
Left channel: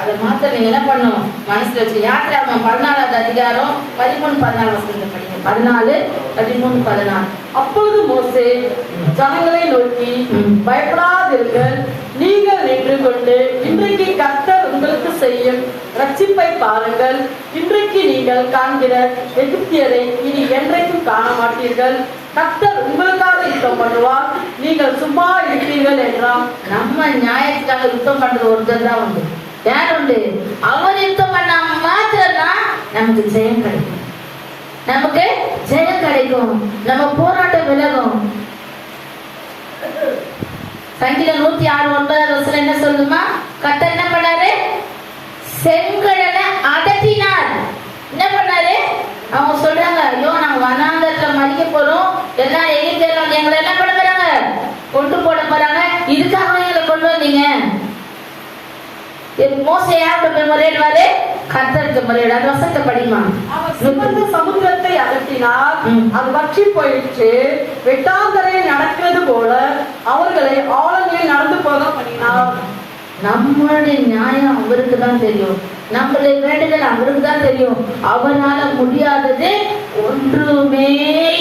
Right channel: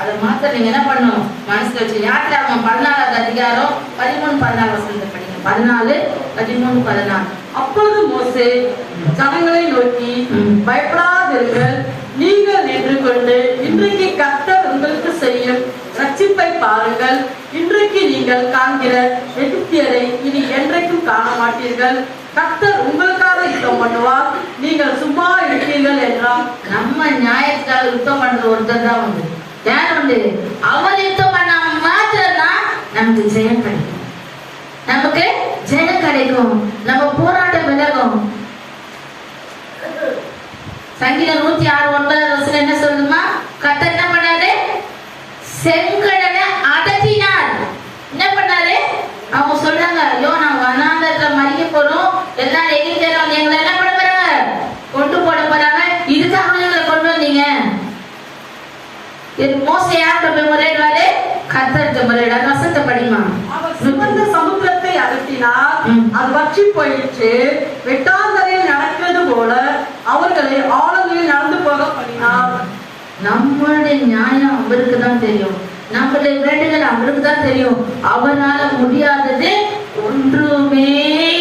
அதை மாத்த நீங்க என்ன பண்ணணும்? மனசுல வச்சு. யாத்திராகமம் 14வது அதிகாரம் 13-14 படிங்க. 14, 13, 14. அப்பொழுது மோசே ஜனங்களை நோக்கி, பயப்படாதீர்கள், நீங்கள் நின்று கொண்டு இன்றைக்கு கர்த்தர் உங்களுக்கு செய்யும் ரட்சிப்பை பாருங்கள். இன்றைக்கு நீங்கள் காண்கிற எகிப்தியரை இனி என்றைக்கும் காண மாட்டீர்கள். கர்த்தர் உங்களுக்காக யுத்தம் பண்ணுவார், நீங்கள் சும்மா இருப்பீர்கள் என்றார். நம்ம நியாயத்துக்காக யுத்தம் பண்றது ஒருத்தர் தான் உண்டு. யார் உண்டு? அவர் யுத்தம் பண்ண மாத்திரம்தான் நமக்கு ஜெயம் கிடைக்கும். நமக்கு ஜெயம் கிடைக்கும். நம்ம போராட்டம் விலகும். சங்கீதம் 106:9 என்ன சொல்லுமா? கர்த்தர் என்ன பண்ணாரு? செங்கடலை அதட்டினார். என்ன பண்ணாரு? அவங்க சொல்றாங்க, ஐயோ நாங்க வனாந்தரத்துல மறிக்க போறோம், எல்லாரும் எகிப்தியர் எங்களை என்ன பண்ண போறாங்க? கொண்டு போட போறாங்க. இதுக்காக எங்களை கொண்டு வந்தீங்க. மோசே யார்கிட்ட போய் முறையிடுவாரு? கர்த்தர்கிட்ட முறையிடாரு. வசனத்தை படிமா. அவர் சிவந்த சமுத்திரத்தை அதட்டினார், அது வற்றி போயிடுச்சு. வெட்டாந்தரையில் நடக்கிறது போல அவர்களை ஆழங்களில் நடந்து போக பண்ணினார். நம்மளுடைய நியாயம் அவருக்கு தான் தெரியும். நம்மளுடைய வேண்டுதல் அவருக்கு தான் தெரியும். அவரால முடியாதது ஒன்றுமே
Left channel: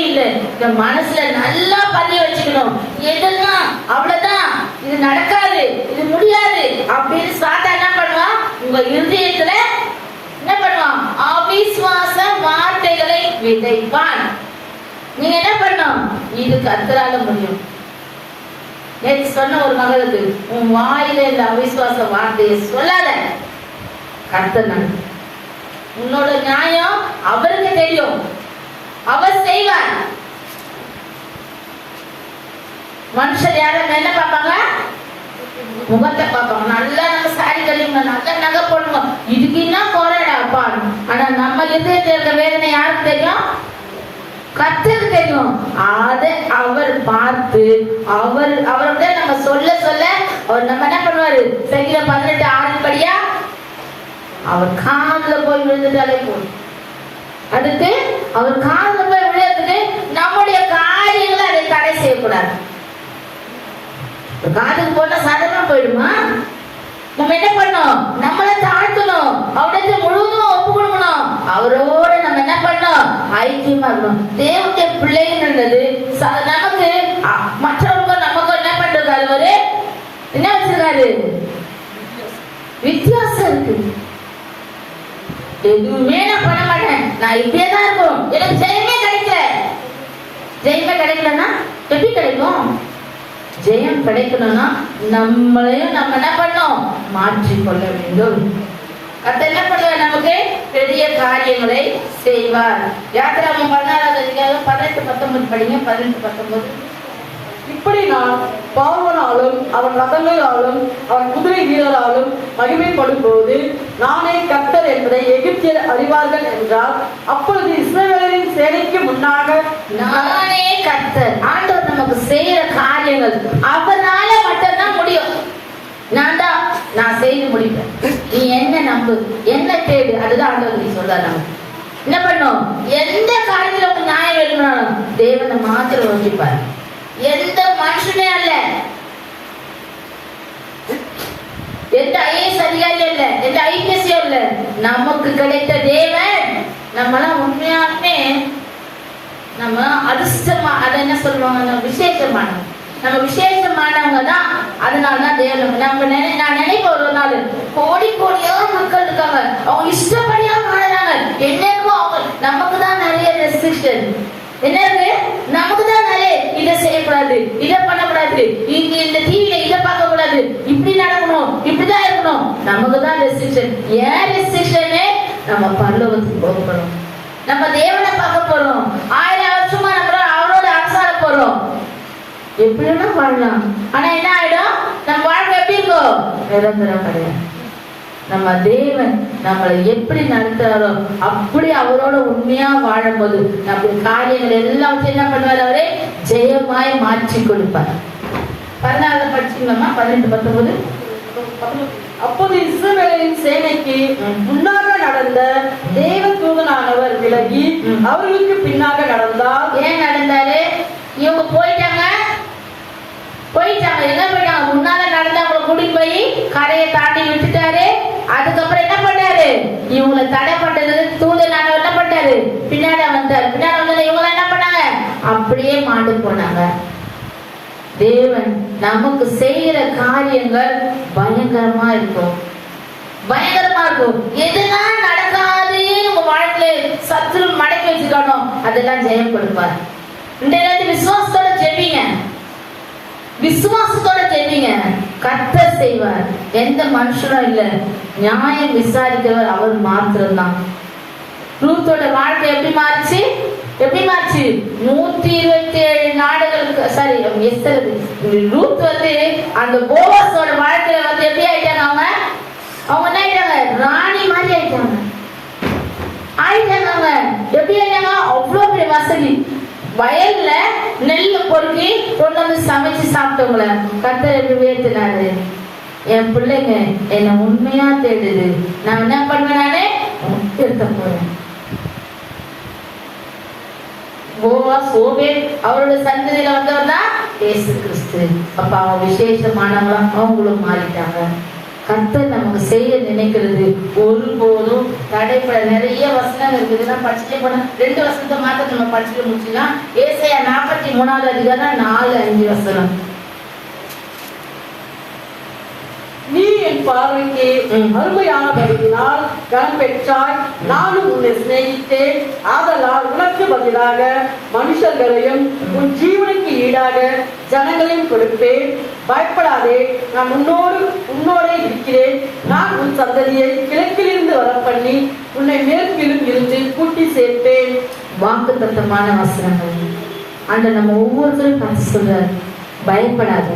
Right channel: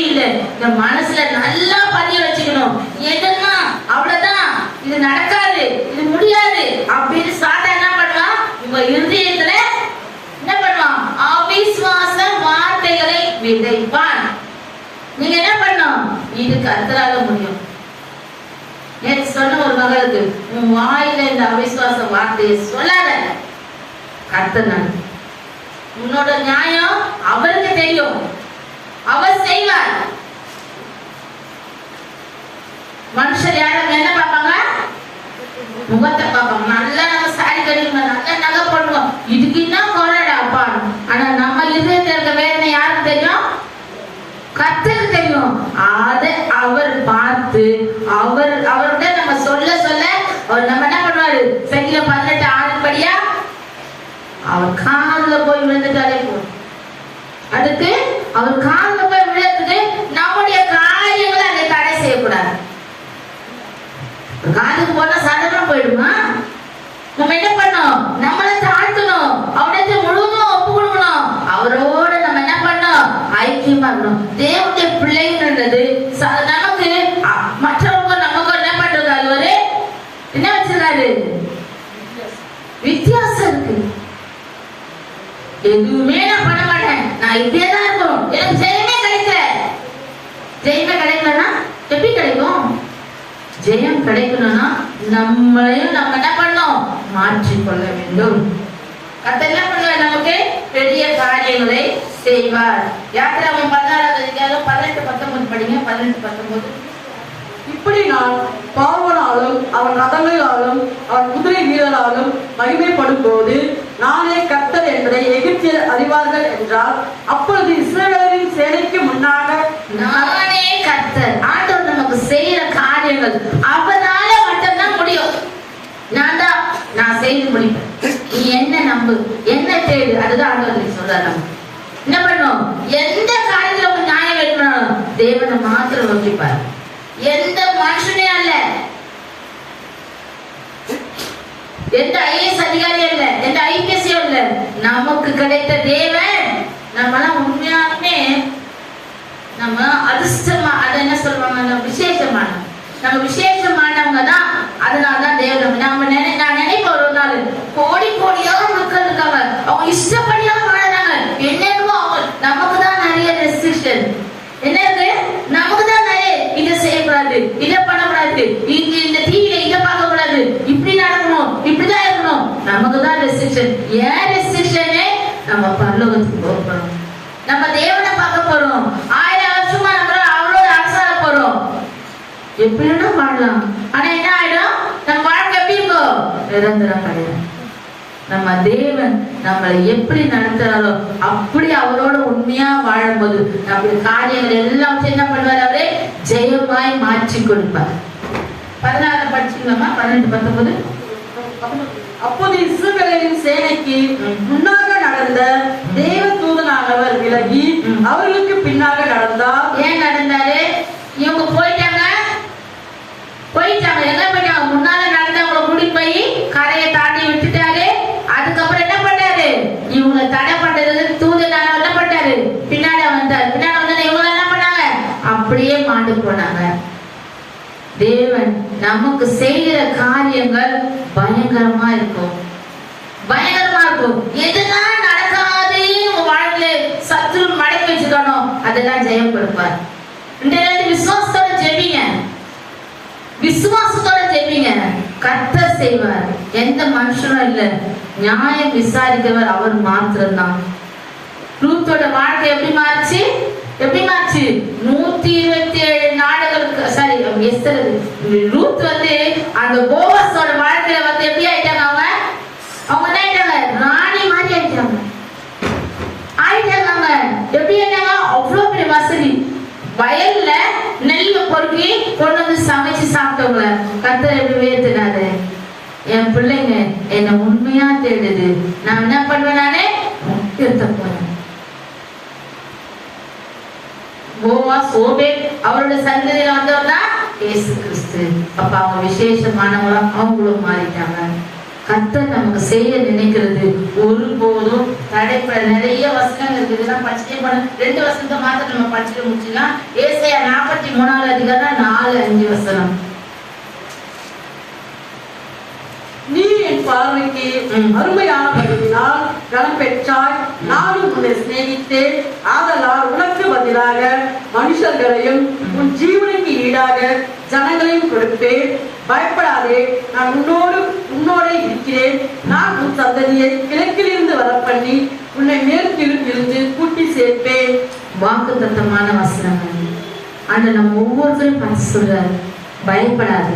இல்லை. இந்த மனசுல நல்லா பதிய வச்சுக்கணும். எதெல்லாம் அவ்வளவுதான், இது நடக்காது, இது முடியாது அப்படின்னு சாத்தா என்ன பண்ணுவான்? உங்க இருதயத்துல என்ன பண்ணுவான்? அவிசுவாச வார்த்தைகளை விதைப்பான். நீங்க என்ன பண்ணணும்? இது கர்த்தரால முடியும். நேற்று சொன்ன ஒரு மகளுக்கு, உன் வாயில இந்த அவிசுவாச வார்த்தையை சொல்லாத, கர்த்தர் உன்னோட நியாயம் அவருக்கு தெரியும், அவர் செய்வார். மனுஷர் யாரும் என்ன பார்ப்பாங்க? முகத்தை பார்ப்பாங்க. நல்லா நம்ம சாரி கட்டிக்கணும், நல்லா நகை போடணும், இதுக்கு என்ன குறைடா அப்பா. ஆனா நம்ம இதயத்தில் இருக்க வேதனை யாருக்கு தெரியும்? கர்த்தருக்கு தெரியும். அதை அவர் பார்த்து அவர்கிட்ட நம்ம சொல்ல சொல்ல அவர் நம்ம என்ன பண்ணுவாரு? சங்கீதம் 18:6 படியா அவர் காதுல போய் விழுந்துட்டாலே போதும். அதுக்கு அவர் காதுல போய் விழுந்துட்டு நம்முடைய காரியங்களை அதை தடை செய்யக்கூடாது. காதுக்கு போட்டா சாதாரண போயிடுமா? நம்ம என்ன பண்ணோம்? நம்மளை தாழ்த்தணும், அவனுக்கு முழுவதும் ஒப்பு கொடுக்கணும். அவரோட நம்ம என்ன பண்ணோம்? ஐக்கியமா இருக்கணும். தேவனுடைய பிள்ளைன்றது நமக்கு மற்றவங்க நமக்கு என்ன பண்றது? அவரு என்ன வச்சிருக்காரு? வித்தியாசம் இருக்கு. எதுவுமே நான் பண்ண மாட்டேன், நான் இப்படியேதான் இருக்கும், எனக்கு ஜெயமே கிடைக்கல. ஜெயமே கிடைக்கலன்னா எப்படி கிடைக்கும்? ஜெயம் கிடைக்கணும்னா நம்மளையும் நம்ம என்ன பண்ணோம்? மாற்றிக்கொள்ள வேண்டும். அப்ப என்ன பண்ணுவார்? நமக்கு பெரிய காரியங்களை செய்வார். யாத்திராகமம் 14வது அதிகாரம் 18-19 படிங்க. 18-19. இப்படி நான் பார்வனாலும் அவன் ரதங்களாலும் அவன் குதிரை வீரராலும் மகிமைப்படும் போது நானே கர்த்தர் என்பதை எகிப்தியர் அறிவார்கள் என்றார். அப்பொழுது இஸ்ரவேலரின் சேனைக்கு முன்னாக நானே கர்த்தர். ஆண்டவர் நமக்கு செய்யற காரியங்கள் அவரால மட்டும்தான் முடியும். நான் செய்து முடிப்பேன், நீ என்ன நம்பு, என்ன தேடு, அதுதான் ஆண்டவர் சொல்றாரு. என்ன பண்ணும்? எந்த காரியத்துல உங்க நியாயம் இருக்கணும், தேவனை மாத்திரம் நோக்கிப்பார். எந்த மனுஷனே அல்ல, எந்த ஐஏஎஸ் அதிகாரி அல்ல, எந்த ஐபிஎஸ் அல்ல, நமக்கு கிடைத்த தேவன். நம்மளாம் உண்மையாலுமே நம்ம அதிர்ஷ்டமா, அதை என்ன சொல்லுவாங்க, விசேஷமான, நம்ம விசேஷமானவங்க தான். அதனாலதான் தேவன் நான் நினைப்ப ஒரு நாள் கோடி கோடியாக மக்கள் இருக்காங்க, அவங்க இஷ்டப்படியாக வாழறாங்க. என்னவோ அவங்க, நமக்கு தான் நிறைய ரெஸ்ட்ரிக்ஷன். என்னது? நமக்கு தான் நிறைய, இதை செய்யக்கூடாது, இதை பண்ணக்கூடாது, இங்க இந்த டிவியில இதை பார்க்க கூடாது, இப்படி நடக்கணும், இப்படிதான் இருக்கணும். நமக்கு தான் ரெஸ்ட்ரிக்ஷன். ஏன் ரெஸ்ட்ரிக்ஷனே? நம்ம பரலோகத்துக்கு போக போறோம், நம்ம தேவனை பார்க்க போறோம், 1000 வருஷமா நம்ம அவரோட அரசாண போறோம். எப்படி வேணா வாழலாம், ஆனா என்ன ஆயிடும்? நம்ம வாழ்க்கை எப்படி இருக்கும்? நிரந்தரம் கிடையாது. நம்ம தேவன் நம்மளை எப்படி நடத்துறாரோ அப்படி அவரோட உண்மையா வாழும்போது நம்ம காரியங்கள் எல்லாத்தையும் என்ன பண்ணுவார்? அவரே ஜெயமாய் மாற்றி கொடுப்பார். 14 படிச்சீங்கம்மா, 18, 19. அப்போது இஸ்ரவேலின் சேனைக்கு முன்னாக நடந்த தேவ தூதனானவர் விலகி அவர்களுக்கு பின்னாக நடந்தார். ஏன் நடந்தாரு? இவங்க போயிட்டாங்க. எங்க போயிட்டாங்க? முன்னால நடந்தவங்களை கூட்டிட்டு போய் கரையை தாண்டி விட்டுட்டாரு. அதுக்கப்புறம் என்ன பண்ணாரு? இவங்களை தடை பண்றது தூதனானவர் என்ன பண்ணாரு? பின்னாடி வந்தார். பின்னாடி வந்தது இவங்க என்ன பண்ணாங்க? அப்படியே மாண்டு போனாங்க. தேவன் நமக்கு செய்யற காரியங்கள் பயங்கரமா இருக்கும், பயங்கரமா இருக்கும். எதுதான் நடக்காது உங்க வாழ்க்கையில சத்ரு மடக்கி வச்சுக்கோ, அதெல்லாம் ஜெயம் கொடுப்பார். இந்த விசுவாசத்தோட ஜெபிங்க, விசுவாசத்தோட ஜெபிங்க, கர்த்தர் செய்வார். எந்த மனுஷனும் இல்ல, நியாயம் விசாரிக்கிறவர் அவர் மாத்திரம்தான். ரூத்தோட வாழ்க்கை எப்படி மாறிச்சு? 127 நாடுகளுக்கு, சாரி எஸ்தர், ரூத் வந்து அந்த போவாஸோட வாழ்க்கையில வந்து எப்படி ஆயிட்டாங்க? அவங்க என்ன ஆயிட்டாங்க? ராணி மாதிரி ஆயிட்டாங்க. அவங்க எப்படி ஆயிட்டாங்க? அவ்வளவு பெரிய வசதி, வயல்ல நெல்லு பொறுக்கி கொண்டு வந்து சமைச்சு சாப்பிட்டவங்கள கர்த்தர் எப்படி உயர்த்தினாரு? என் பிள்ளைங்க என்ன உண்மையா தேடுது, நான் என்ன பண்ணுவேன்? நானே உயர்த்த போறேன். அவரோட சந்ததியில வந்தவர் தான் இயேசு கிறிஸ்து. அப்ப அவங்க விசேஷமானவங்களா அவங்களும் மாறிட்டாங்க. கர்த்தர் நமக்கு செய்ய நினைக்கிறது ஒருபோதும் தடைப்பட. நிறைய வசனங்கள் இருக்கு, இதெல்லாம் படிச்சுட்டே போன 2 வசனத்தை மாத்த நம்ம படிச்சுட்டு முடிச்சுக்கலாம். ஏசாயா 43வது அதிகாரம் 4-5 வசனம். நீ என் பார்வைக்கு அருமையானபடியினால் கனம் பெற்றாய், நானும் உன்னை சிநேகித்தேன். ஆதலால் உனக்கு பதிலாக மனுஷர்களையும் உன் ஜீவனுக்கு ஈடாக ஜனங்களையும் கொடுப்பேன். பயப்படாதே, நான் உன்னோட இருக்கிறேன். நான் உன் சந்ததியை கிழக்கிலிருந்து வர பண்ணி உன்னை மேற்கிலும் இருந்து கூட்டி சேர்ப்பேன். வாக்குத்தத்தமான வசனங்கள். ஆண்டு நம்ம ஒவ்வொருத்தரையும் பார்த்து சொல்றாரு, பயப்படாத,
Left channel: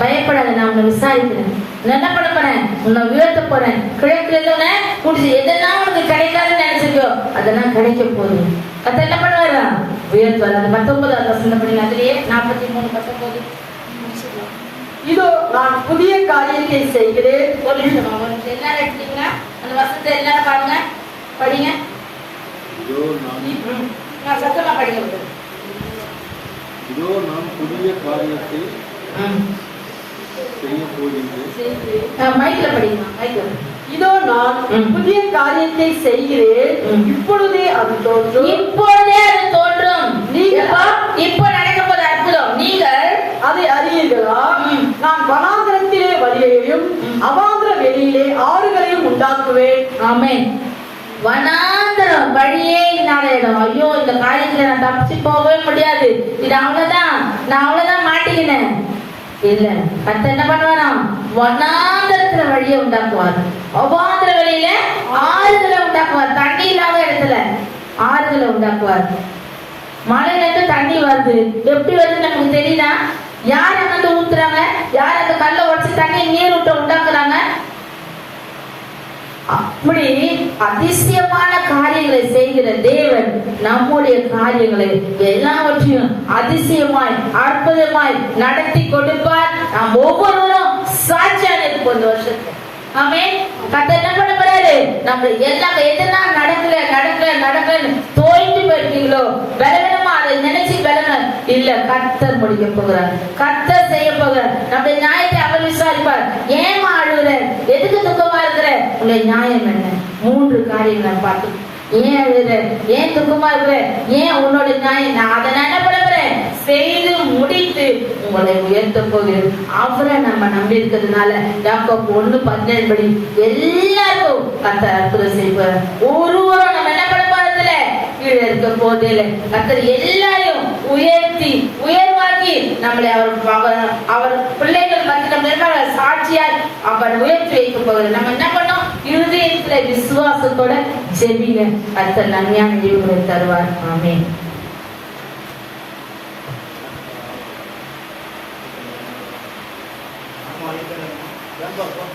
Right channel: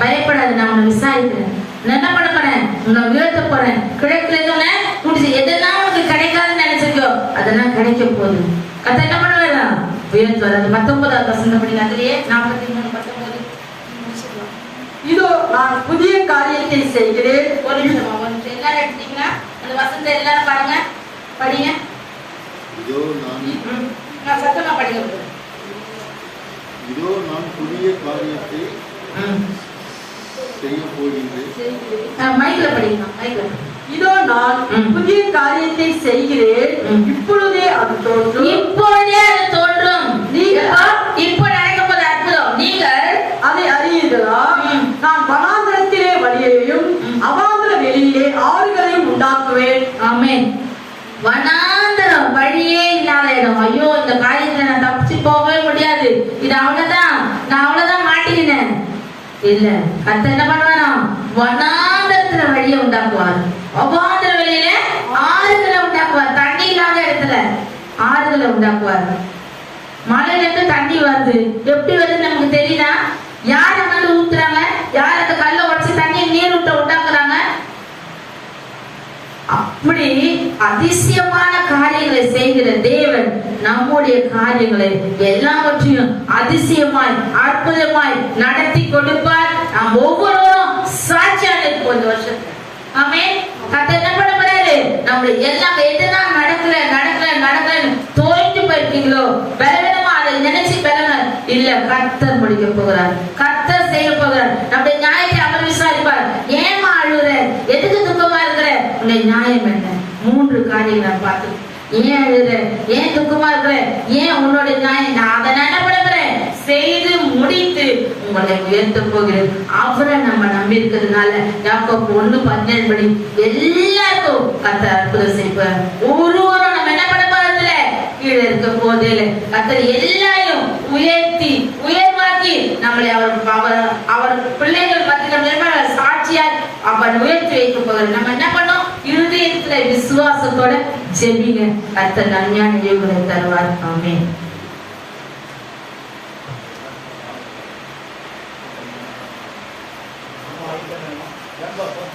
பயப்படாத, நான் உன்னை விசாரிக்கிறேன், என்ன பண்ண போறேன்? உன்னை உயர்த்த போறேன். கிழக்குல கூட்டி, எதெல்லாம் உனக்கு கிடைக்காதுன்னு நினைச்சிருக்கோ அதெல்லாம் கிடைக்க போகுது. அது என்ன பண்ணுவாரா? உயர்த்துவார். அது 19வது வசனம் பண்ணி, அதுலயே 43-19. இதோ நான் புதிய காரியத்தை செய்கிறேன். ஒரு நிமிஷம் எல்லாரும் எடுத்தீங்களா? அந்த வசனத்தை எல்லாரும் பாருங்க, படிங்க. நான் சத்தமா படிங்க. இதோ நான் புதிய காரியத்தை செய்ய போகின்றேன். மைக்ல படிங்க, மைக்ல. இதோ நான் புதிய காரியத்தை செய்கிறேன், இப்பொழுதே அது தோன்றும். இப்போ நடக்கப்போது அற்புதம், நீங்கள் அதை அறியுங்களா? நான் வனாந்திரத்திலே வழியையும் அவாந்திர வெளியிலே ஆறுகளையும் உண்டாக்குவேன். ஆமென். வனாந்திரம் வழியே இல்லாத இடம். ஐயோ, இந்த காரியத்துல நான் தப்பிச்சு போகவே முடியாது, இது அவ்வளவுதான், நான் அவ்வளவுதான் மாட்டிக்கினேன். இல்ல, கர்த்தர் என்ன பண்ணுவாராம்? வனாந்திரத்துல வழியை உண்டாக்குவார், அவாந்திர வெளியில ஆறுகளை உண்டாக்குவார், தண்ணி இல்லாத இடத்துல ஆறுகளை உண்டாக்குவார். மலையில இருந்து தண்ணி வருது. எப்படி வருது நமக்கு தெரியுதா? யார வந்து ஊத்துறாங்க? யார் அந்த கல்லை உடைச்சு தண்ணி நீர் விட்ட உண்டாக்குறாங்க? அப்படி அதிசயமான காரியங்களை செய்கிற தேவன் நம்முடைய காரியங்களை எல்லாவற்றையும் அதிசயமாய் அற்புதமாய் நடத்தி கொடுப்பார். நாம் ஒவ்வொருவரும் சாட்சியாக இருப்போம் இந்த வருஷத்துல. ஆமென். கர்த்தர் என்ன பண்ண போறாரு? நம்ம எல்லாம் எதெல்லாம் நடக்கல தோய்ந்து போயிருக்கீங்களோ, பலவீனமா அதை நினைச்சு பலவீனம் இல்ல, கர்த்தர் முடிக்க போகிறார், கர்த்தர் செய்ய போகிறார். நம்முடைய நியாயத்தை அவர் விசாரிப்பார். ஏமா அழுகுற? எதுக்கு துக்கமா இருக்கிற? உன்னுடைய நியாயம் என்ன? 3 காரியம் நான் பார்த்து. ஏன் அழுகுற? ஏன் துக்கமா இருக்கிற? ஏன் உன்னோட நியாயம்? நான் அதை என்ன பண்ண போறேன்? செய்து முடித்து உங்களை உயர்த்த போகிறேன். அவரை நம்ம நம்பி இருக்கிறதுனால யாக்கோபு 1:17 படி எல்லாருக்கும் கர்த்தர் அற்புதம் செய்வார். ஒருவரும் நம்ம என்ன பண்ண போறதில்ல, கீழே இருக்க போதில்லை. கர்த்தர் எல்லாரையும் உயர்த்தி உயர்வாக்கி நம்மளை அவர் பிள்ளைகள் மத்தியில சாட்சியால் அவர் உயர்த்தி வைக்க போகிறார். நம்ம என்ன பண்ணோம்? இருதயத்துல விசுவாசத்தோட ஜெபிங்க. கர்த்தர் நன்மையான ஈவுகளை தருவார். ஆமென். Gracias.